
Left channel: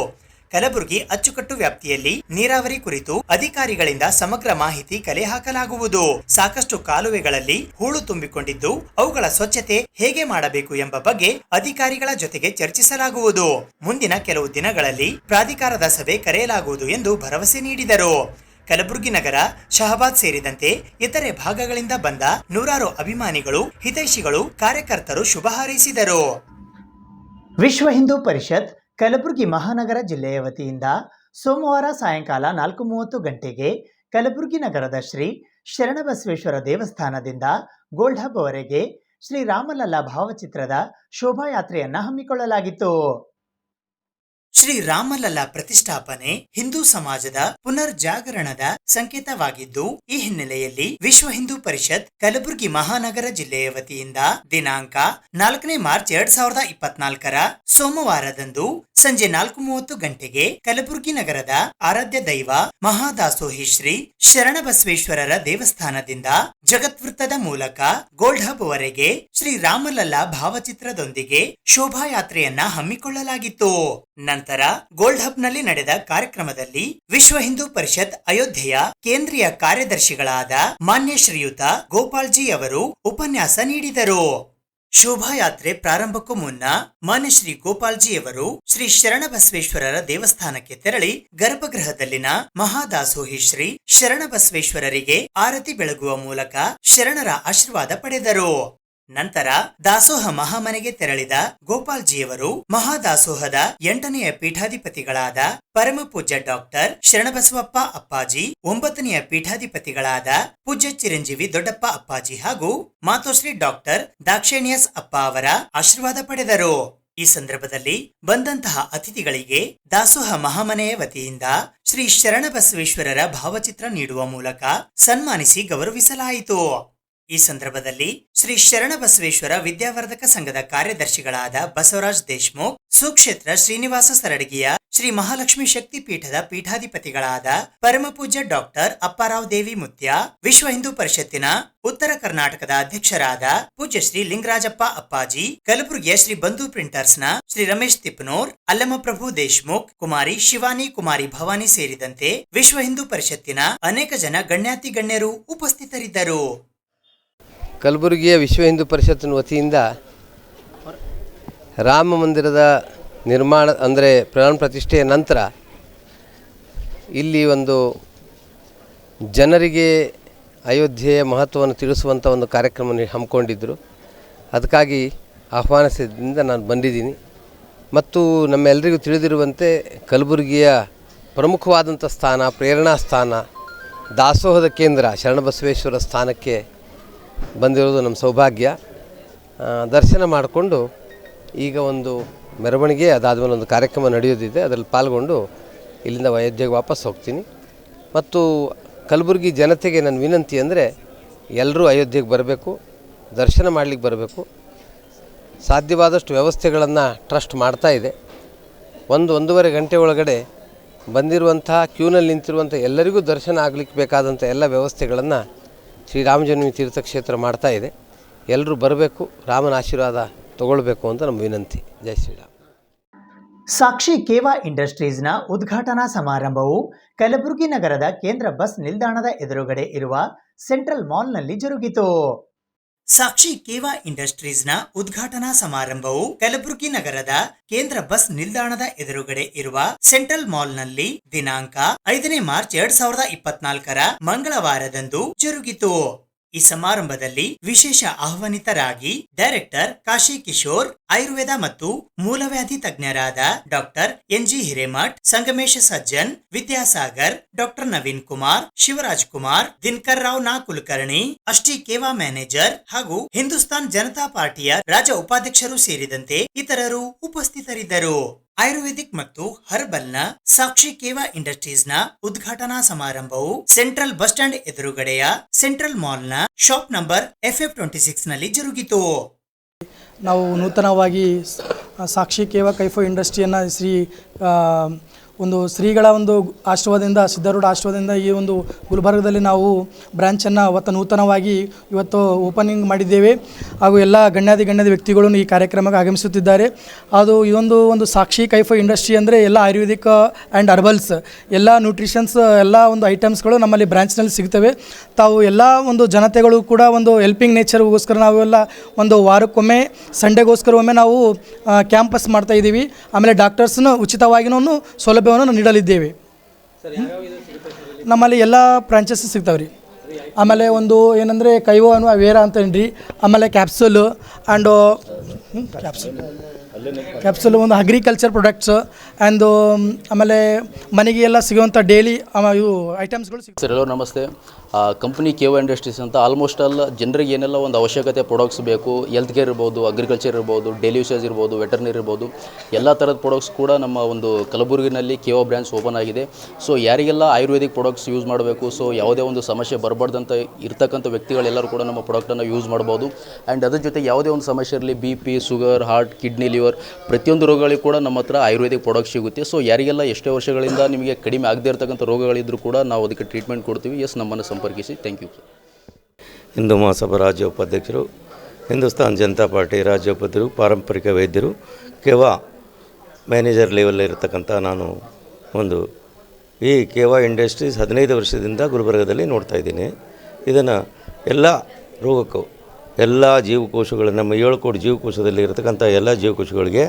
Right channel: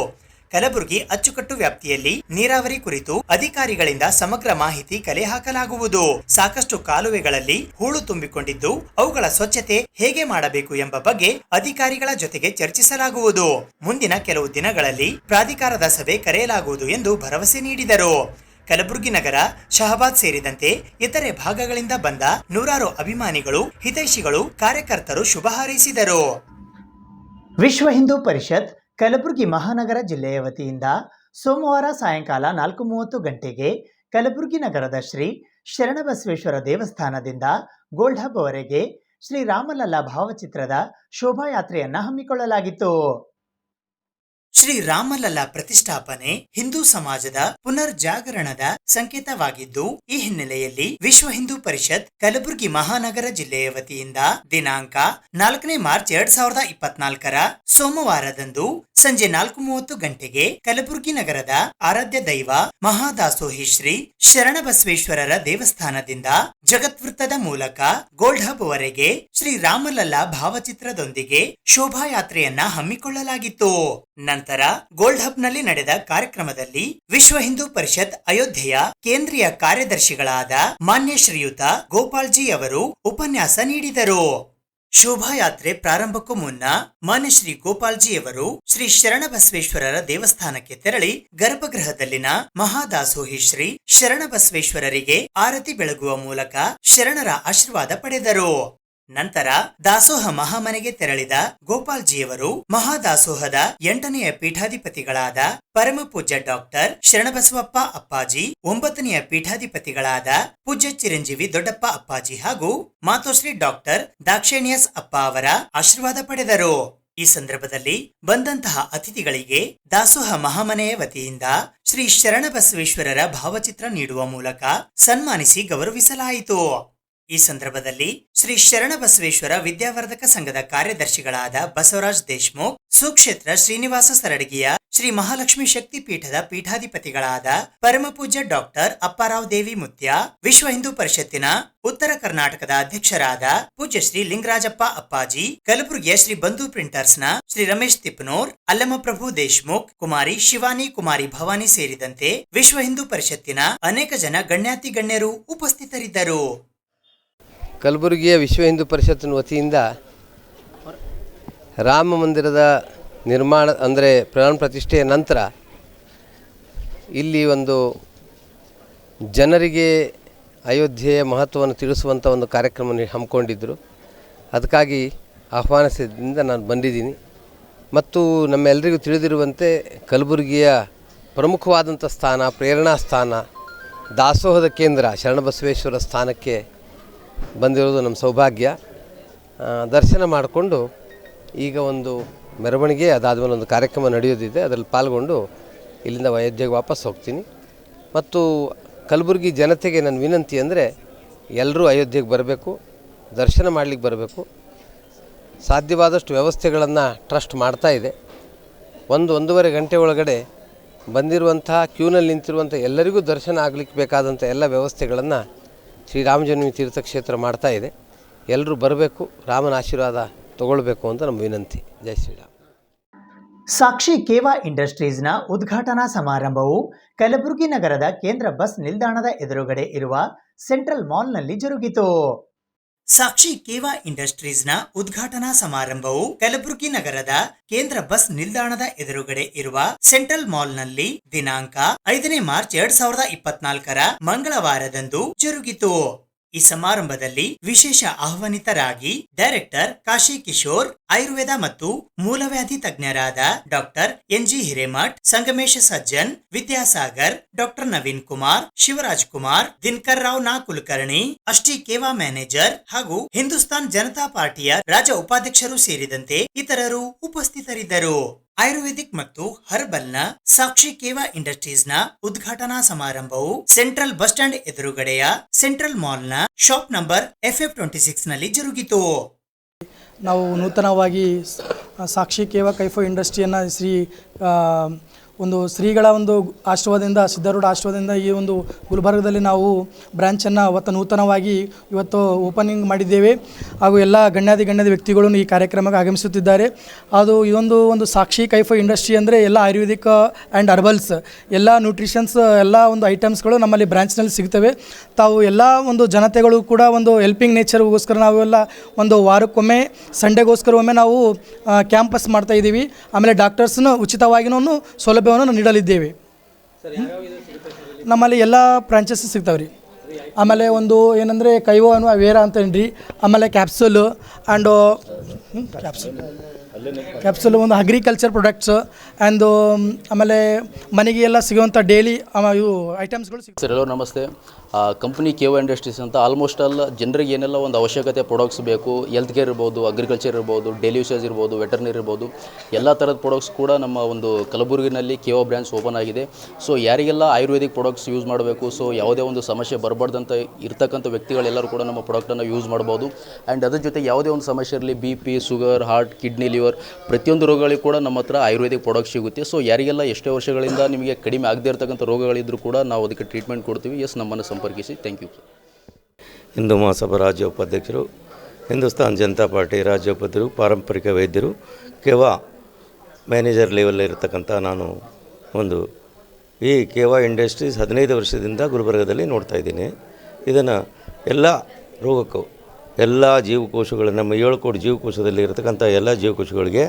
ಕಲಬುರಗಿ ಅಚ್ಚುಕಟ್ಟು ವ್ಯಾಪ್ತಿಯಲ್ಲಿ ನೀರಾವರಿ ಕುರಿತು ಅಧಿಕಾರಿಗಳಿಂದ ಸಮಗ್ರ ಮಾಹಿತಿ ಕಲೆ ಹಾಕಲಾಗುವುದು. ಸಾಕಷ್ಟು ಕಾಲುವೆಗಳಲ್ಲಿ ಹೂಳು ತುಂಬಿಕೊಂಡಿದ್ದು ಅವುಗಳ ಸ್ವಚ್ಛತೆ ಹೇಗೆ ಮಾಡಬೇಕು ಎಂಬ ಬಗ್ಗೆ ಅಧಿಕಾರಿಗಳ ಜೊತೆಗೆ ಚರ್ಚಿಸಲಾಗುವುದು. ಮುಂದಿನ ಕೆಲವು ದಿನಗಳಲ್ಲಿ ಪ್ರಾಧಿಕಾರದ ಸಭೆ ಕರೆಯಲಾಗುವುದು ಎಂದು ಭರವಸೆ ನೀಡಿದರು. ಕಲಬುರಗಿ ನಗರ, ಶಹಬಾದ್ ಸೇರಿದಂತೆ ಇತರೆ ಭಾಗಗಳಿಂದ ಬಂದ ನೂರಾರು ಅಭಿಮಾನಿಗಳು, ಹಿತೈಷಿಗಳು, ಕಾರ್ಯಕರ್ತರು ಶುಭ ಹಾರೈಸಿದರು. ವಿಶ್ವ ಹಿಂದೂ ಪರಿಷತ್ ಕಲಬುರಗಿ ಮಹಾನಗರ ಜಿಲ್ಲೆಯ ವತಿಯಿಂದ ಸೋಮವಾರ ಸಾಯಂಕಾಲ 4:30 ಗಂಟೆಗೆ ಕಲಬುರಗಿ ನಗರದ ಶ್ರೀ ಶರಣಬಸವೇಶ್ವರ ದೇವಸ್ಥಾನದಿಂದ ಗೋಲ್ಡ್ ಹಬ್ ವರೆಗೆ ಶ್ರೀ ರಾಮಲಲ್ಲಾ ಭಾವಚಿತ್ರದ ಶೋಭಾಯಾತ್ರೆಯನ್ನ ಹಮ್ಮಿಕೊಳ್ಳಲಾಗಿತ್ತು. ಶ್ರೀ ರಾಮಲಲ್ಲಾ ಪ್ರತಿಷ್ಠಾಪನೆ ಹಿಂದೂ ಸಮಾಜದ ಪುನರ್ಜಾಗರಣದ ಸಂಕೇತವಾಗಿದ್ದು, ಈ ಹಿನ್ನೆಲೆಯಲ್ಲಿ ವಿಶ್ವ ಹಿಂದೂ ಪರಿಷತ್ ಕಲಬುರಗಿ ಮಹಾನಗರ ಜಿಲ್ಲೆಯ ವತಿಯಿಂದ ದಿನಾಂಕ 4 ಮಾರ್ಚ್ 2024 ಸೋಮವಾರದಂದು ಸಂಜೆ 4:30 ಗಂಟೆಗೆ ಕಲಬುರಗಿ ನಗರದ ಆರಾಧ್ಯ ದೈವ ಮಹಾದಾಸೋಹಿ ಶ್ರೀ ಶರಣಬಸವೇಶ್ವರರ ದೇವಸ್ಥಾನದಿಂದ ಜಗತ್ವೃತ್ತದ ಮೂಲಕ ಗೋಲ್ಡ್ ಹಬ್ ವರೆಗೆ ಶ್ರೀ ರಾಮಲಲ್ಲಾ ಭಾವಚಿತ್ರದೊಂದಿಗೆ ಶೋಭಾಯಾತ್ರೆಯನ್ನ ಹಮ್ಮಿಕೊಳ್ಳಲಾಗಿತ್ತು. ನಂತರ ಗೋಲ್ಡ್ ಹಬ್ ನಲ್ಲಿ ನಡೆದ ಕಾರ್ಯಕ್ರಮದಲ್ಲಿ ವಿಶ್ವ ಹಿಂದೂ ಪರಿಷತ್ ಅಯೋಧ್ಯೆಯ ಕೇಂದ್ರೀಯ ಕಾರ್ಯದರ್ಶಿಗಳಾದ ಮಾನ್ಯ ಶ್ರೀಯುತ ಗೋಪಾಲ್ಜಿ ಅವರು ಉಪನ್ಯಾಸ ನೀಡಿದರು. ಶೋಭಾಯಾತ್ರೆ ಪ್ರಾರಂಭಕ್ಕೂ ಮುನ್ನ ಮಾನ್ಯ ಶ್ರೀ ಗೋಪಾಲ್ಜಿಯವರು ಶ್ರೀ ಶರಣಬಸವೇಶ್ವರರ ದೇವಸ್ಥಾನಕ್ಕೆ ತೆರಳಿ ಗರ್ಭಗೃಹದಲ್ಲಿನ ಮಹಾದಾಸೋಹಿ ಶ್ರೀ ಶರಣಬಸವೇಶ್ವರರಿಗೆ ಆರತಿ ಬೆಳಗುವ ಮೂಲಕ ಶರಣರ ಆಶೀರ್ವಾದ ಪಡೆದರು. ನಂತರ ದಾಸೋಹ ಮಹಾಮನೆಗೆ ತೆರಳಿದ ಗೋಪಾಲ್ಜಿಯವರು ಮಹಾದಾಸೋಹದ 8ನೆಯ ಪೀಠಾಧಿಪತಿಗಳಾದ ಪರಮ ಪೂಜ್ಯ ಡಾಕ್ಟರ್ ಶರಣಬಸವಪ್ಪ ಅಪ್ಪಾಜಿ, 9ನೆಯ ಪೀಠಾಧಿಪತಿಗಳಾದ ಪೂಜ್ಯ ಚಿರಂಜೀವಿ ದೊಡ್ಡಪ್ಪ ಅಪ್ಪಾಜಿ ಹಾಗೂ ಮಾತೋಶ್ರೀ ಡಾಕ್ಟರ್ ದಾಕ್ಷೇಣಿಯಸ್ ಅಪ್ಪ ಅವರ ಆಶೀರ್ವಾದ ಪಡೆದರು. ಈ ಸಂದರ್ಭದಲ್ಲಿ ಬಂದಂತಹ ಅತಿಥಿಗಳಿಗೆ ದಾಸೋಹ ಮಹಾಮನೆಯ ವತಿಯಿಂದ ಶ್ರೀ ಶರಣಬಸವೇಶ್ವರರ ಭಾವಚಿತ್ರ ನೀಡುವ ಮೂಲಕ ಸನ್ಮಾನಿಸಿ ಗೌರವಿಸಲಾಯಿತು. ಈ ಸಂದರ್ಭದಲ್ಲಿ ಶ್ರೀ ಶರಣಬಸವೇಶ್ವರ ವಿದ್ಯಾವರ್ಧಕ ಸಂಘದ ಕಾರ್ಯದರ್ಶಿಗಳಾದ ಬಸವರಾಜ್ ದೇಶಮುಖ್, ಸುಕ್ಷೇತ್ರ ಶ್ರೀನಿವಾಸ ಸರಡಗಿಯ ಶ್ರೀ ಮಹಾಲಕ್ಷ್ಮಿ ಶಕ್ತಿ ಪೀಠದ ಪೀಠಾಧಿಪತಿಗಳಾದ ಪರಮ ಪೂಜ್ಯ ಡಾಕ್ಟರ್ ಅಪ್ಪಾರಾವ್ ದೇವಿ ಮುತ್ಯ, ವಿಶ್ವ ಹಿಂದೂ ಪರಿಷತ್ತಿನ ಉತ್ತರ ಕರ್ನಾಟಕದ ಅಧ್ಯಕ್ಷರಾದ ಪೂಜ್ಯ ಶ್ರೀ ಲಿಂಗರಾಜಪ್ಪ ಅಪ್ಪಾಜಿ, ಕಲಬುರಗಿಯ ಶ್ರೀ ಬಂಧು ಪ್ರಿಂಟರ್ಸ್ನ ಶ್ರೀ ರಮೇಶ್ ತಿಪ್ಪನೂರ್, ಅಲ್ಲಮಪ್ರಭು ದೇಶಮುಖ್, ಕುಮಾರಿ ಶಿವಾನಿ, ಕುಮಾರಿ ಭವಾನಿ ಸೇರಿದಂತೆ ವಿಶ್ವ ಹಿಂದೂ ಪರಿಷತ್ತಿನ ಅನೇಕ ಜನ ಗಣ್ಯಾತಿ ಗಣ್ಯರು ಉಪಸ್ಥಿತರಿದ್ದರು. ಕಲಬುರಗಿಯ ವಿಶ್ವ ಹಿಂದೂ ಪರಿಷತ್ತಿನ ವತಿಯಿಂದ ರಾಮ ಮಂದಿರದ ನಿರ್ಮಾಣ ಅಂದರೆ ಪ್ರಾಣ ಪ್ರತಿಷ್ಠೆಯ ನಂತರ ಇಲ್ಲಿ ಒಂದು ಜನರಿಗೆ ಅಯೋಧ್ಯೆಯ ಮಹತ್ವವನ್ನು ತಿಳಿಸುವಂಥ ಒಂದು ಕಾರ್ಯಕ್ರಮ ಹಮ್ಮಿಕೊಂಡಿದ್ದರು. ಅದಕ್ಕಾಗಿ ಆಹ್ವಾನಿಸಿದ್ದರಿಂದ ನಾನು ಬಂದಿದ್ದೀನಿ. ಮತ್ತು ನಮ್ಮೆಲ್ಲರಿಗೂ ತಿಳಿದಿರುವಂತೆ ಕಲಬುರಗಿಯ ಪ್ರಮುಖವಾದಂಥ ಸ್ಥಾನ, ಪ್ರೇರಣಾ ಸ್ಥಾನ, ದಾಸೋಹದ ಕೇಂದ್ರ ಶರಣಬಸವೇಶ್ವರ ಸ್ಥಾನಕ್ಕೆ ಬಂದಿರೋದು ನಮ್ಮ ಸೌಭಾಗ್ಯ. ದರ್ಶನ ಮಾಡಿಕೊಂಡು ಈಗ ಒಂದು ಮೆರವಣಿಗೆ, ಅದಾದಮೇಲೆ ಒಂದು ಕಾರ್ಯಕ್ರಮ ನಡೆಯೋದಿದೆ, ಅದರಲ್ಲಿ ಪಾಲ್ಗೊಂಡು ಇಲ್ಲಿಂದ ಅಯೋಧ್ಯೆಗೆ ವಾಪಸ್ ಹೋಗ್ತೀನಿ. ಮತ್ತು ಕಲಬುರಗಿ ಜನತೆಗೆ ನನ್ನ ವಿನಂತಿ ಅಂದರೆ ಎಲ್ಲರೂ ಅಯೋಧ್ಯೆಗೆ ಬರಬೇಕು, ದರ್ಶನ ಮಾಡಲಿಕ್ಕೆ ಬರಬೇಕು. ಸಾಧ್ಯವಾದಷ್ಟು ವ್ಯವಸ್ಥೆಗಳನ್ನು ಟ್ರಸ್ಟ್ ಮಾಡ್ತಾ ಇದೆ. 1-1.5 ಗಂಟೆ ಒಳಗಡೆ ಬಂದಿರುವಂತಹ ಕ್ಯೂನಲ್ಲಿ ನಿಂತಿರುವಂಥ ಎಲ್ಲರಿಗೂ ದರ್ಶನ ಆಗಲಿಕ್ಕೆ ಬೇಕಾದಂಥ ಎಲ್ಲ ವ್ಯವಸ್ಥೆಗಳನ್ನು ಶ್ರೀರಾಮ ಜನ್ಮಭೂಮಿ ತೀರ್ಥಕ್ಷೇತ್ರ ಮಾಡ್ತಾ ಇದೆ. ಎಲ್ಲರೂ ಬರಬೇಕು, ರಾಮನ ಆಶೀರ್ವಾದ ತಗೊಳ್ಬೇಕು ಅಂತ ನಮ್ಮ ವಿನಂತಿ. ಜೈ ಶ್ರೀರಾಮ್. ಸಾಕ್ಷಿ ಕೇವಾ ಇಂಡಸ್ಟ್ರೀಸ್ನ ಉದ್ಘಾಟನಾ ಸಮಾರಂಭವು ಕಲಬುರಗಿ ನಗರದ ಕೇಂದ್ರ ಬಸ್ ನಿಲ್ದಾಣದ ಎದುರುಗಡೆ ಇರುವ ಸೆಂಟ್ರಲ್ ಮಾಲ್ನಲ್ಲಿ ಜರುಗಿತು. ಸಾಕ್ಷಿ ಕೇವಾ ಇಂಡಸ್ಟ್ರೀಸ್ನ ಉದ್ಘಾಟನಾ ಸಮಾರಂಭವು ಕಲಬುರಗಿ ನಗರದ ಕೇಂದ್ರ ಬಸ್ ನಿಲ್ದಾಣದ ಎದುರುಗಡೆ ಇರುವ ಸೆಂಟ್ರಲ್ ಮಾಲ್ನಲ್ಲಿ ದಿನಾಂಕ 5 ಮಾರ್ಚ್ 2024 ಮಂಗಳವಾರದಂದು ಜರುಗಿತು. ಈ ಸಮಾರಂಭದಲ್ಲಿ ವಿಶೇಷ ಆಹ್ವಾನಿತರಾಗಿ ಡೈರೆಕ್ಟರ್ ಕಾಶಿ ಕಿಶೋರ್, ಆಯುರ್ವೇದ ಮತ್ತು ಮೂಲವ್ಯಾಧಿ ತಜ್ಞರಾದ ಡಾಕ್ಟರ್ ಎನ್.ಜಿ. ಹಿರೇಮಠ್, ಸಂಗಮೇಶ ಸಜ್ಜನ್, ವಿದ್ಯಾಸಾಗರ್, ಡಾಕ್ಟರ್ ನವೀನ್ ಕುಮಾರ್, ಶಿವರಾಜ್ ಕುಮಾರ್, ದಿನಕರ್ ರಾವ್ ನಾ ಕುಲಕರ್ಣಿ, ಅಷ್ಟಿ ಕೇವಾ ಮ್ಯಾನೇಜರ್ ಹಾಗೂ ಹಿಂದೂಸ್ತಾನ್ ಜನತಾ ಪಾರ್ಟಿಯ ರಾಜ್ಯ ಉಪಾಧ್ಯಕ್ಷರು ಸೇರಿದಂತೆ ಇತರರು ಉಪಸ್ಥಿತರಿದ್ದರು. ಆಯುರ್ವೇದಿಕ್ ಮತ್ತು ಹರ್ಬಲ್ನ ಸಾಕ್ಷಿ ಕೇವಾ ಇಂಡಸ್ಟ್ರೀಸ್ನ ಉದ್ಘಾಟನಾ ಸಮಾರಂಭವು ಸೆಂಟ್ರಲ್ ಬಸ್ ಸ್ಟ್ಯಾಂಡ್ ಎದುರುಗಡೆಯ ಸೆಂಟ್ರಲ್ ಮಾಲ್ನ ಶಾಪ್ ನಂಬರ್ FF26 ನಲ್ಲಿ ಜರುಗಿತು. ನಾವು ನೂತನವಾಗಿ ಸಾಕ್ಷಿ ಕೇವಾ ಕೈಫೋ ಇಂಡಸ್ಟ್ರಿಯನ್ನು ಒಂದು ಶ್ರೀಗಳ ಒಂದು ಆಶೀರ್ವಾದದಿಂದ, ಸಿದ್ಧಾರೂಢ ಆಶೀರ್ವಾದದಿಂದ ಈ ಒಂದು ಗುಲ್ಬರ್ಗದಲ್ಲಿ ನಾವು ಬ್ರಾಂಚನ್ನು ನೂತನವಾಗಿ ಇವತ್ತು ಓಪನಿಂಗ್ ಮಾಡಿದ್ದೇವೆ. ಹಾಗೂ ಎಲ್ಲ ಗಣ್ಯಾತಿ ವ್ಯಕ್ತಿಗಳು ಈ ಕಾರ್ಯಕ್ರಮಕ್ಕೆ ಆಗಮಿಸುತ್ತಿದ್ದಾರೆ. ಅದು ಇದೊಂದು ಸಾಕ್ಷಿ ಕೈಫೋ ಇಂಡಸ್ಟ್ರಿ ಅಂದರೆ ಎಲ್ಲ ಆಯುರ್ವೇದಿಕ್ ಆ್ಯಂಡ್ ಹರ್ಬಲ್ಸ್, ಎಲ್ಲ ನ್ಯೂಟ್ರಿಷನ್ಸ್, ಎಲ್ಲ ಒಂದು ಐಟಮ್ಸ್ಗಳು ನಮ್ಮಲ್ಲಿ ಬ್ರಾಂಚ್ನಲ್ಲಿ ಸಿಗ್ತವೆ. ತಾವು ಎಲ್ಲ ಒಂದು ಜನತೆಗಳು ಕೂಡ ಒಂದು ಹೆಲ್ಪಿಂಗ್ ನೇಚರ್ಗೋಸ್ಕರ ನಾವೆಲ್ಲ ಒಂದು ವಾರಕ್ಕೊಮ್ಮೆ ಸಂಡೇಗೋಸ್ಕರ ಒಮ್ಮೆ ನಾವು ಕ್ಯಾಂಪಸ್ ಮಾಡ್ತಾಯಿದ್ದೀವಿ. ಆಮೇಲೆ ಡಾಕ್ಟರ್ಸ್ನ ಉಚಿತವಾಗಿನೂ ಸೌಲಭ್ಯವನ್ನು ನೀಡಲಿದ್ದೇವೆ. ನಮ್ಮಲ್ಲಿ ಎಲ್ಲ ಬ್ರಾಂಚಸ್ ಸಿಗ್ತಾವೆ ರೀ. ಆಮೇಲೆ ಒಂದು ಏನಂದರೆ ಕೈವೋ ಅನ್ನುವ ವೇರ ಅಂತೇನ್ರಿ, ಆಮೇಲೆ ಕ್ಯಾಪ್ಸುಲು ಆ್ಯಂಡ್ ಕ್ಯಾಪ್ಸುಲ್ ಒಂದು ಅಗ್ರಿಕಲ್ಚರ್ ಪ್ರಾಡಕ್ಟ್ಸ್ ಆ್ಯಂಡ್ ಆಮೇಲೆ ಮನೆಗೆ ಎಲ್ಲ ಸಿಗುವಂಥ ಡೈಲಿ ಇವು ಐಟಮ್ಸ್ಗಳು ಸಿಗ್ತವೆ. ಸರ್, ಎಲ್ಲರೂ ನಮಸ್ತೆ. ಕಂಪ್ನಿ ಕೇವಾ ಇಂಡಸ್ಟ್ರೀಸ್ ಅಂತ ಆಲ್ಮೋಸ್ಟ್ ಆಲ್ ಜನರಿಗೆ ಏನೆಲ್ಲ ಒಂದು ಅವಶ್ಯಕತೆ ಪ್ರಾಡಕ್ಟ್ಸ್ ಬೇಕು, ಹೆಲ್ತ್ ಕೇರ್ ಇರ್ಬೋದು, ಅಗ್ರಿಕಲ್ಚರ್ ಇರ್ಬೋದು, ಡೈಲಿ ಯೂಸೇಜ್ ಇರ್ಬೋದು, ವೆಟರ್ನರಿ ಇರ್ಬೋದು, ಎಲ್ಲ ಥರದ ಪ್ರಾಡಕ್ಟ್ಸ್ ಕೂಡ ನಮ್ಮ ಒಂದು ಕಲಬುರಗಿನಲ್ಲಿ ಕೇವಾ ಬ್ರಾಂಚ್ ಓಪನ್ ಆಗಿದೆ. ಸೊ ಯಾರಿಗೆಲ್ಲ ಆಯುರ್ವೇದಿಕ್ ಪ್ರಾಡಕ್ಟ್ಸ್ ಯೂಸ್ ಮಾಡಬೇಕು, ಸೊ ಯಾವುದೇ ಒಂದು ಸಮಸ್ಯೆ ಬರಬಾರ್ದಂತ ಇರ್ತಕ್ಕಂಥ ವ್ಯಕ್ತಿಗಳೆಲ್ಲರೂ ಕೂಡ ನಮ್ಮ ಪ್ರಾಡಕ್ಟನ್ನು ಯೂಸ್ ಮಾಡ್ಬೋದು. ಆ್ಯಂಡ್ ಅದ್ರ ಜೊತೆ ಯಾವುದೇ ಒಂದು ಸಮಸ್ಯೆ ಇರಲಿ, BP, sugar, heart, kidney, liver, ಪ್ರತಿಯೊಂದು ರೋಗಗಳಿಗೂ ಕೂಡ ನಮ್ಮ ಹತ್ರ ಆಯುರ್ವೇದಿಕ್ ಪ್ರಾಡಕ್ಟ್ ಸಿಗುತ್ತೆ. ಸೊ ಯಾರಿಗೆಲ್ಲ ಎಷ್ಟೇ ವರ್ಷಗಳಿಂದ ನಿಮಗೆ ಕಡಿಮೆ ಆಗದೇ ಇರತಕ್ಕಂಥ ರೋಗಗಳಿದ್ದರೂ ಕೂಡ ನಾವು ಅದಕ್ಕೆ ಟ್ರೀಟ್ಮೆಂಟ್ ಕೊಡ್ತೀವಿ. ನಮ್ಮನ್ನು ಸಂಪರ್ಕಿಸಿ. Thank you. ಹಿಂದೂ ಮಹಾಸಭಾ ರಾಜ್ಯ ಉಪಾಧ್ಯಕ್ಷರು, ಹಿಂದೂಸ್ತಾನ್ ಜನತಾ ಪಾರ್ಟಿ ರಾಜ್ಯ ಉಪಾಧ್ಯಕ್ಷರು, ಪಾರಂಪರಿಕ ವೈದ್ಯರು, ಕೇವಾ ಮ್ಯಾನೇಜರ್ ಲೆವೆಲ್ ಇರತಕ್ಕಂಥ ನಾನು ಈ ಕೇವಾ ಇಂಡಸ್ಟ್ರೀಸ್ 15 ವರ್ಷದಿಂದ ಗುಲ್ಬರ್ಗದಲ್ಲಿ ನೋಡ್ತಾಯಿದ್ದೀನಿ. ಇದನ್ನು ಎಲ್ಲ ರೋಗಕ್ಕೂ, ಎಲ್ಲ ಜೀವಕೋಶಗಳು, ನಮ್ಮ 7 ಕೋಟಿ ಜೀವಕೋಶದಲ್ಲಿ ಇರತಕ್ಕಂಥ ಎಲ್ಲ ಜೀವಕೋಶಗಳಿಗೆ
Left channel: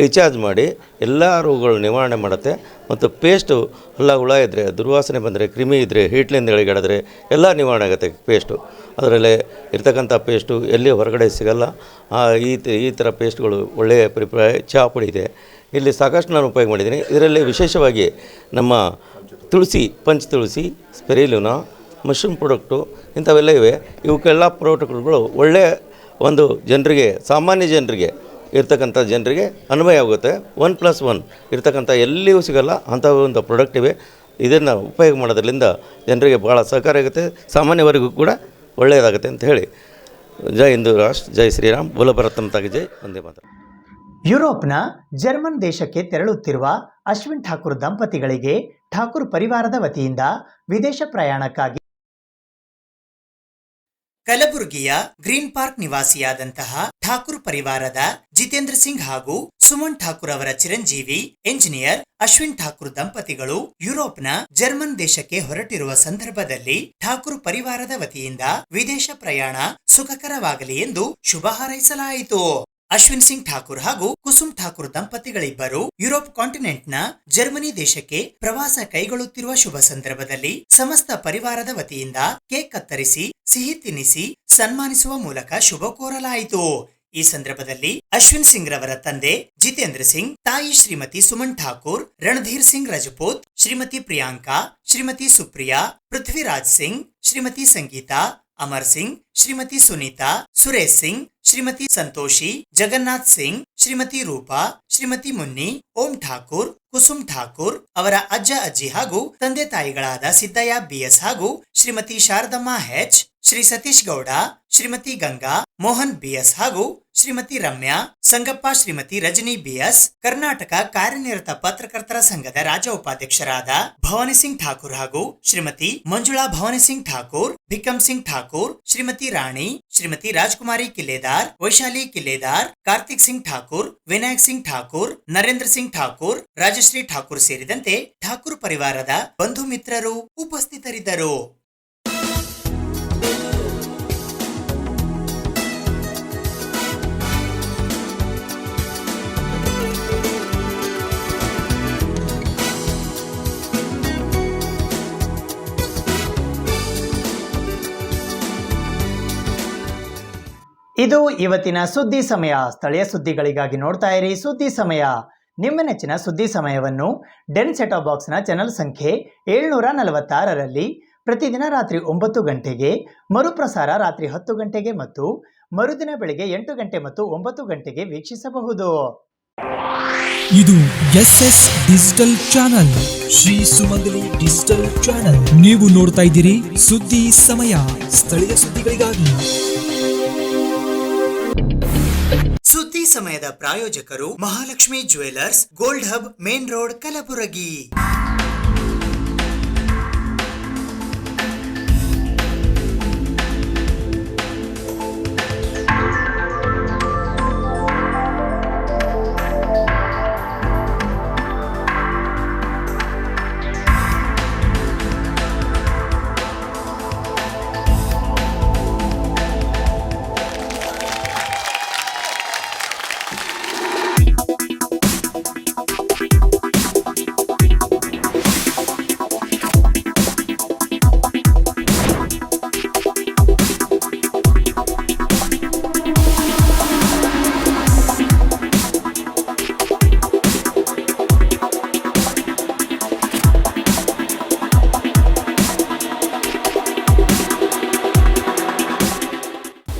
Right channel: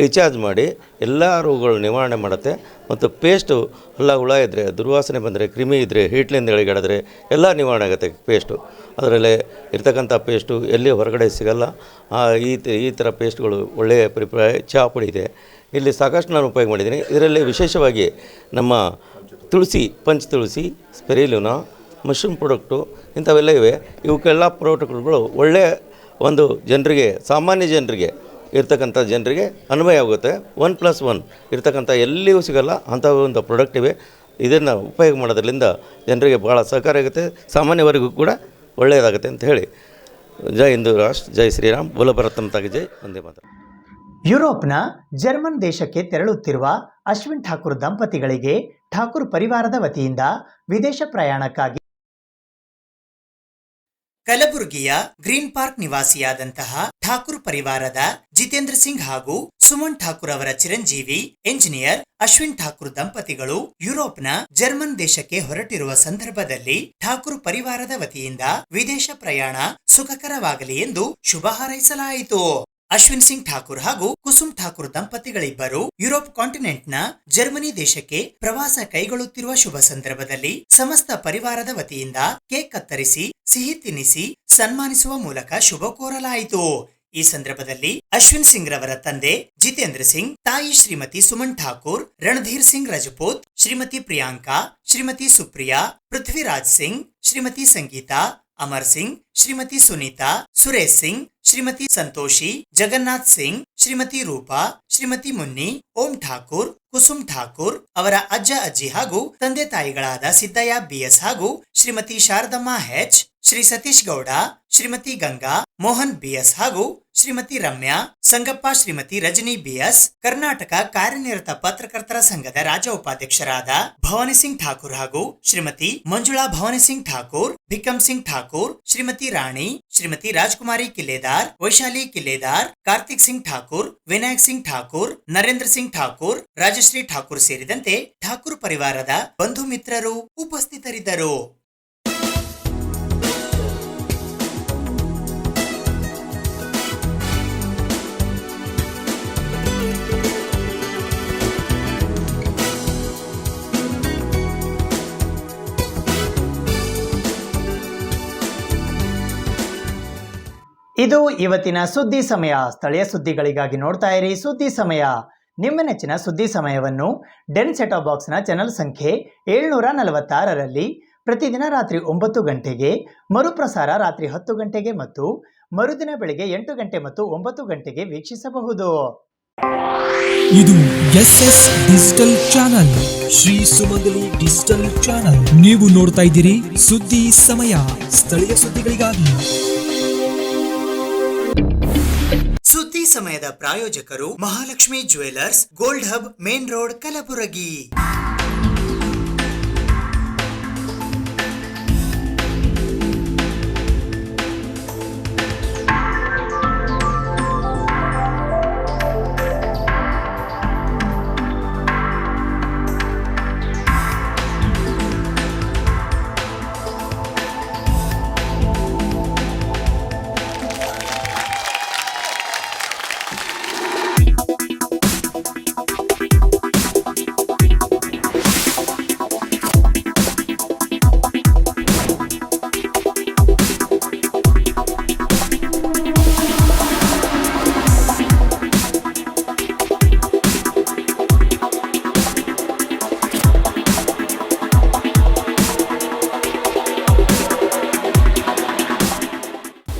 ರೀಚಾರ್ಜ್ ಮಾಡಿ ಎಲ್ಲ ರೋಗಗಳು ನಿವಾರಣೆ ಮಾಡುತ್ತೆ. ಮತ್ತು ಪೇಸ್ಟು ಹುಳ ಇದ್ದರೆ, ದುರ್ವಾಸನೆ ಬಂದರೆ, ಕ್ರಿಮಿ ಇದ್ದರೆ, ಹೀಟ್ಲಿಂದ ಎಳೆಗಾಡಿದ್ರೆ ಎಲ್ಲ ನಿವಾರಣೆ ಆಗುತ್ತೆ ಪೇಸ್ಟು. ಅದರಲ್ಲೇ ಇರ್ತಕ್ಕಂಥ ಪೇಸ್ಟು ಎಲ್ಲಿ ಹೊರಗಡೆ ಸಿಗಲ್ಲ. ಈ ಥರ ಪೇಸ್ಟ್ಗಳು ಒಳ್ಳೆಯ ಚಹಾ ಪುಡಿ ಇದೆ, ಇಲ್ಲಿ ಸಾಕಷ್ಟು ನಾನು ಉಪಯೋಗ ಮಾಡಿದ್ದೀನಿ. ಇದರಲ್ಲಿ ವಿಶೇಷವಾಗಿ ನಮ್ಮ ತುಳಸಿ, ಪಂಚ್ ತುಳಸಿ, ಸ್ಪೆರಿಲುನಾ, ಮಶ್ರೂಮ್ ಪ್ರಾಡಕ್ಟು ಇಂಥವೆಲ್ಲ ಇವೆ. ಇವಕ್ಕೆಲ್ಲ ಪ್ರಾಡಕ್ಟ್ಗಳು ಒಳ್ಳೆಯ ಒಂದು ಜನರಿಗೆ, ಸಾಮಾನ್ಯ ಜನರಿಗೆ ಇರ್ತಕ್ಕಂಥ ಜನರಿಗೆ ಅನ್ವಯ ಆಗುತ್ತೆ. 1+1 ಇರ್ತಕ್ಕಂಥ ಎಲ್ಲಿಯೂ ಸಿಗಲ್ಲ ಅಂಥ ಒಂದು ಪ್ರಾಡಕ್ಟ್ ಇವೆ. ಇದನ್ನು ಉಪಯೋಗ ಮಾಡೋದ್ರಿಂದ ಜನರಿಗೆ ಭಾಳ ಸಹಕಾರ ಆಗುತ್ತೆ, ಸಾಮಾನ್ಯವರೆಗೂ ಕೂಡ ಒಳ್ಳೆಯದಾಗುತ್ತೆ ಅಂತ ಹೇಳಿ, ಜೈ ಹಿಂದೂ ರಾಷ್ಟ್ರ, ಜೈ ಶ್ರೀರಾಮ್, ಬೋಲಭರತಂ ತಾಗಿ ಜೈ, ಒಂದೇ ಮಾತ್ರ. ಯುರೋಪ್ನ ಜರ್ಮನ್ ದೇಶಕ್ಕೆ ತೆರಳುತ್ತಿರುವ ಅಶ್ವಿನ್ ಠಾಕೂರ್ ದಂಪತಿಗಳಿಗೆ ಠಾಕೂರ್ ಪರಿವಾರದ ವತಿಯಿಂದ ವಿದೇಶ ಪ್ರಯಾಣಕ್ಕಾಗಿ ಕಲಬುರಗಿಯ ಗ್ರೀನ್ ಪಾರ್ಕ್ ನಿವಾಸಿಯಾದಂತಹ ಠಾಕೂರ್ ಪರಿವಾರದ ಜಿತೇಂದ್ರ ಸಿಂಗ್ ಹಾಗೂ ಸುಮನ್ ಠಾಕೂರ್ ಅವರ ಚಿರಂಜೀವಿ ಎಂಜಿನಿಯರ್ ಅಶ್ವಿನ್ ಠಾಕೂರ್ ದಂಪತಿಗಳು ಯುರೋಪ್ನ ಜರ್ಮನ್ ದೇಶಕ್ಕೆ ಹೊರಟಿರುವ ಸಂದರ್ಭದಲ್ಲಿ ಠಾಕೂರ್ ಪರಿವಾರದ ವತಿಯಿಂದ ವಿದೇಶ ಪ್ರಯಾಣ ಸುಖಕರವಾಗಲಿ ಎಂದು ಶುಭ ಹಾರೈಸಲಾಯಿತು. ಅಶ್ವಿನ್ ಸಿಂಗ್ ಠಾಕೂರ್ ಹಾಗೂ ಕುಸುಮ್ ಠಾಕೂರ್ ದಂಪತಿಗಳಿಬ್ಬರು ಯುರೋಪ್ ಕಾಂಟಿನೆಂಟ್ನ ಜರ್ಮನಿ ದೇಶಕ್ಕೆ ಪ್ರವಾಸ ಕೈಗೊಳ್ಳುತ್ತಿರುವ ಶುಭ ಸಂದರ್ಭದಲ್ಲಿ ಸಮಸ್ತ ಪರಿವಾರದ ವತಿಯಿಂದ ಕೇಕ್ ಕತ್ತರಿಸಿ ಸಿಹಿ ತಿನ್ನಿಸಿ ಸನ್ಮಾನಿಸುವ ಮೂಲಕ ಶುಭ ಕೋರಲಾಯಿತು. ಈ ಸಂದರ್ಭದಲ್ಲಿ ಅಶ್ವಿನ್ ಸಿಂಗ್ ರವರ ತಂದೆ ಜಿತೇಂದ್ರ ಸಿಂಗ್, ತಾಯಿ ಶ್ರೀಮತಿ ಸುಮನ್ ಠಾಕೂರ್, ರಣಧೀರ್ ಸಿಂಗ್ ರಜಪೂತ್, ಶ್ರೀಮತಿ ಪ್ರಿಯಾಂಕಾ, ಶ್ರೀಮತಿ ಸುಪ್ರಿಯಾ, ಪೃಥ್ವಿರಾಜ್ ಸಿಂಗ್, ಶ್ರೀಮತಿ ಸಂಗೀತಾ, ಅಮರ್ ಸಿಂಗ್, ಶ್ರೀಮತಿ ಸುನೀತಾ, ಸುರೇಶ್ ಸಿಂಗ್, ಶ್ರೀಮತಿ ಸಂತೋಷಿ, ಜಗನ್ನಾಥ್ ಸಿಂಗ್, ಶ್ರೀಮತಿ ರೂಪಾ, ಶ್ರೀಮತಿ ಮುನ್ನಿ, ಓಂ ಠಾಕೂರ್, ಕುಸುಮ್ ಠಾಕೂರ್ ಅವರ ಅಜ್ಜ ಅಜ್ಜಿ ಹಾಗೂ ತಂದೆ ತಾಯಿಗಳಾದ ಸಿದ್ದಯ್ಯ BS ಹಾಗೂ ಶ್ರೀಮತಿ ಶಾರದಮ್ಮ H, ಶ್ರೀ ಸತೀಶ್ ಗೌಡ, ಶ್ರೀಮತಿ ಗಂಗಾ, ಮೋಹನ್ BS ಹಾಗೂ ಶ್ರೀಮತಿ ರಮ್ಯಾ, ಸಂಗಪ್ಪ, ಶ್ರೀಮತಿ ರಜನಿ BS, ಕರ್ನಾಟಕ ಕಾರ್ಯನಿರತ ಪತ್ರಕರ್ತರ ಸಂಘದ ರಾಜ್ಯ ಉಪಾಧ್ಯಕ್ಷರಾದ ಭವಾನಿ ಸಿಂಗ್ ಠಾಕೂರ್ ಹಾಗೂ ಶ್ರೀಮತಿ ಮಂಜುಳಾ ಭವಾನಿ ಸಿಂಗ್ ಠಾಕೂರ್, ಭಿಕಮ್ ಸಿಂಗ್ ಠಾಕೂರ್, ಶ್ರೀಮತಿ ರಾಣಿ, ಶ್ರೀಮತಿ ರಾಜ್ಕುಮಾರಿ ಕಿಲ್ಲೇದಾರ್, ವೈಶಾಲಿ ಕಿಲ್ಲೇದಾರ್, ಕಾರ್ತಿಕ್ ಸಿಂಗ್ ಠಾಕೂರ್, ವಿನಾಯಕ್ ಸಿಂಗ್ ಠಾಕೂರ್, ನರೇಂದ್ರ ಸಿಂಗ್ ಠಾಕೂರ್, ರಾಜಶ್ರೀ ಠಾಕೂರ್ ಸೇರಿದಂತೆ ಠಾಕೂರ್ ಪರಿವಾರದ ಬಂಧು ಮಿತ್ರರು ಉಪಸ್ಥಿತರಿದ್ದರು. ಇದು ಇವತ್ತಿನ ಸುದ್ದಿ ಸಮಯ. ಸ್ಥಳೀಯ ಸುದ್ದಿಗಳಿಗಾಗಿ ನೋಡ್ತಾ ಇರಿ ಸುದ್ದಿ ಸಮಯ. ನಿಮ್ಮ ನೆಚ್ಚಿನ ಸುದ್ದಿ ಸಮಯವನ್ನು ಡೆನ್ ಸೆಟಾಪ್ ಬಾಕ್ಸ್ನ ಚಾನಲ್ ಸಂಖ್ಯೆ 746ರಲ್ಲಿ ಪ್ರತಿದಿನ ರಾತ್ರಿ 9 ಗಂಟೆಗೆ, ಮರುಪ್ರಸಾರ ರಾತ್ರಿ 10 ಗಂಟೆಗೆ ಮತ್ತು ಮರುದಿನ ಬೆಳಗ್ಗೆ 8 ಗಂಟೆ ಮತ್ತು 9 ಗಂಟೆಗೆ ವೀಕ್ಷಿಸಬಹುದು. ಇದು SS ಡಿಜಿಟಲ್ ಚಾನಲ್, ಶ್ರೀ ಸುಮಂಗಲಿ ಡಿಜಿಟಲ್ ಚಾನಲ್. ನೀವು ನೋಡ್ತಾ ಇದ್ದೀರಿ ಸುದ್ದಿ ಸಮಯ, ಸ್ಥಳೀಯ ಸುದ್ದಿಗಳಿಗಾಗಿ. ಸುದ್ದಿ ಸಮಯದ ಪ್ರಾಯೋಜಕರು Mahalakshmi jewellers, gold hub, main road, Kalaburagi.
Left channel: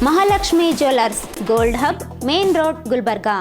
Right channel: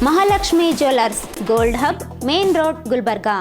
Mahalakshmi jewellers, gold hub, main road, Gulbarga.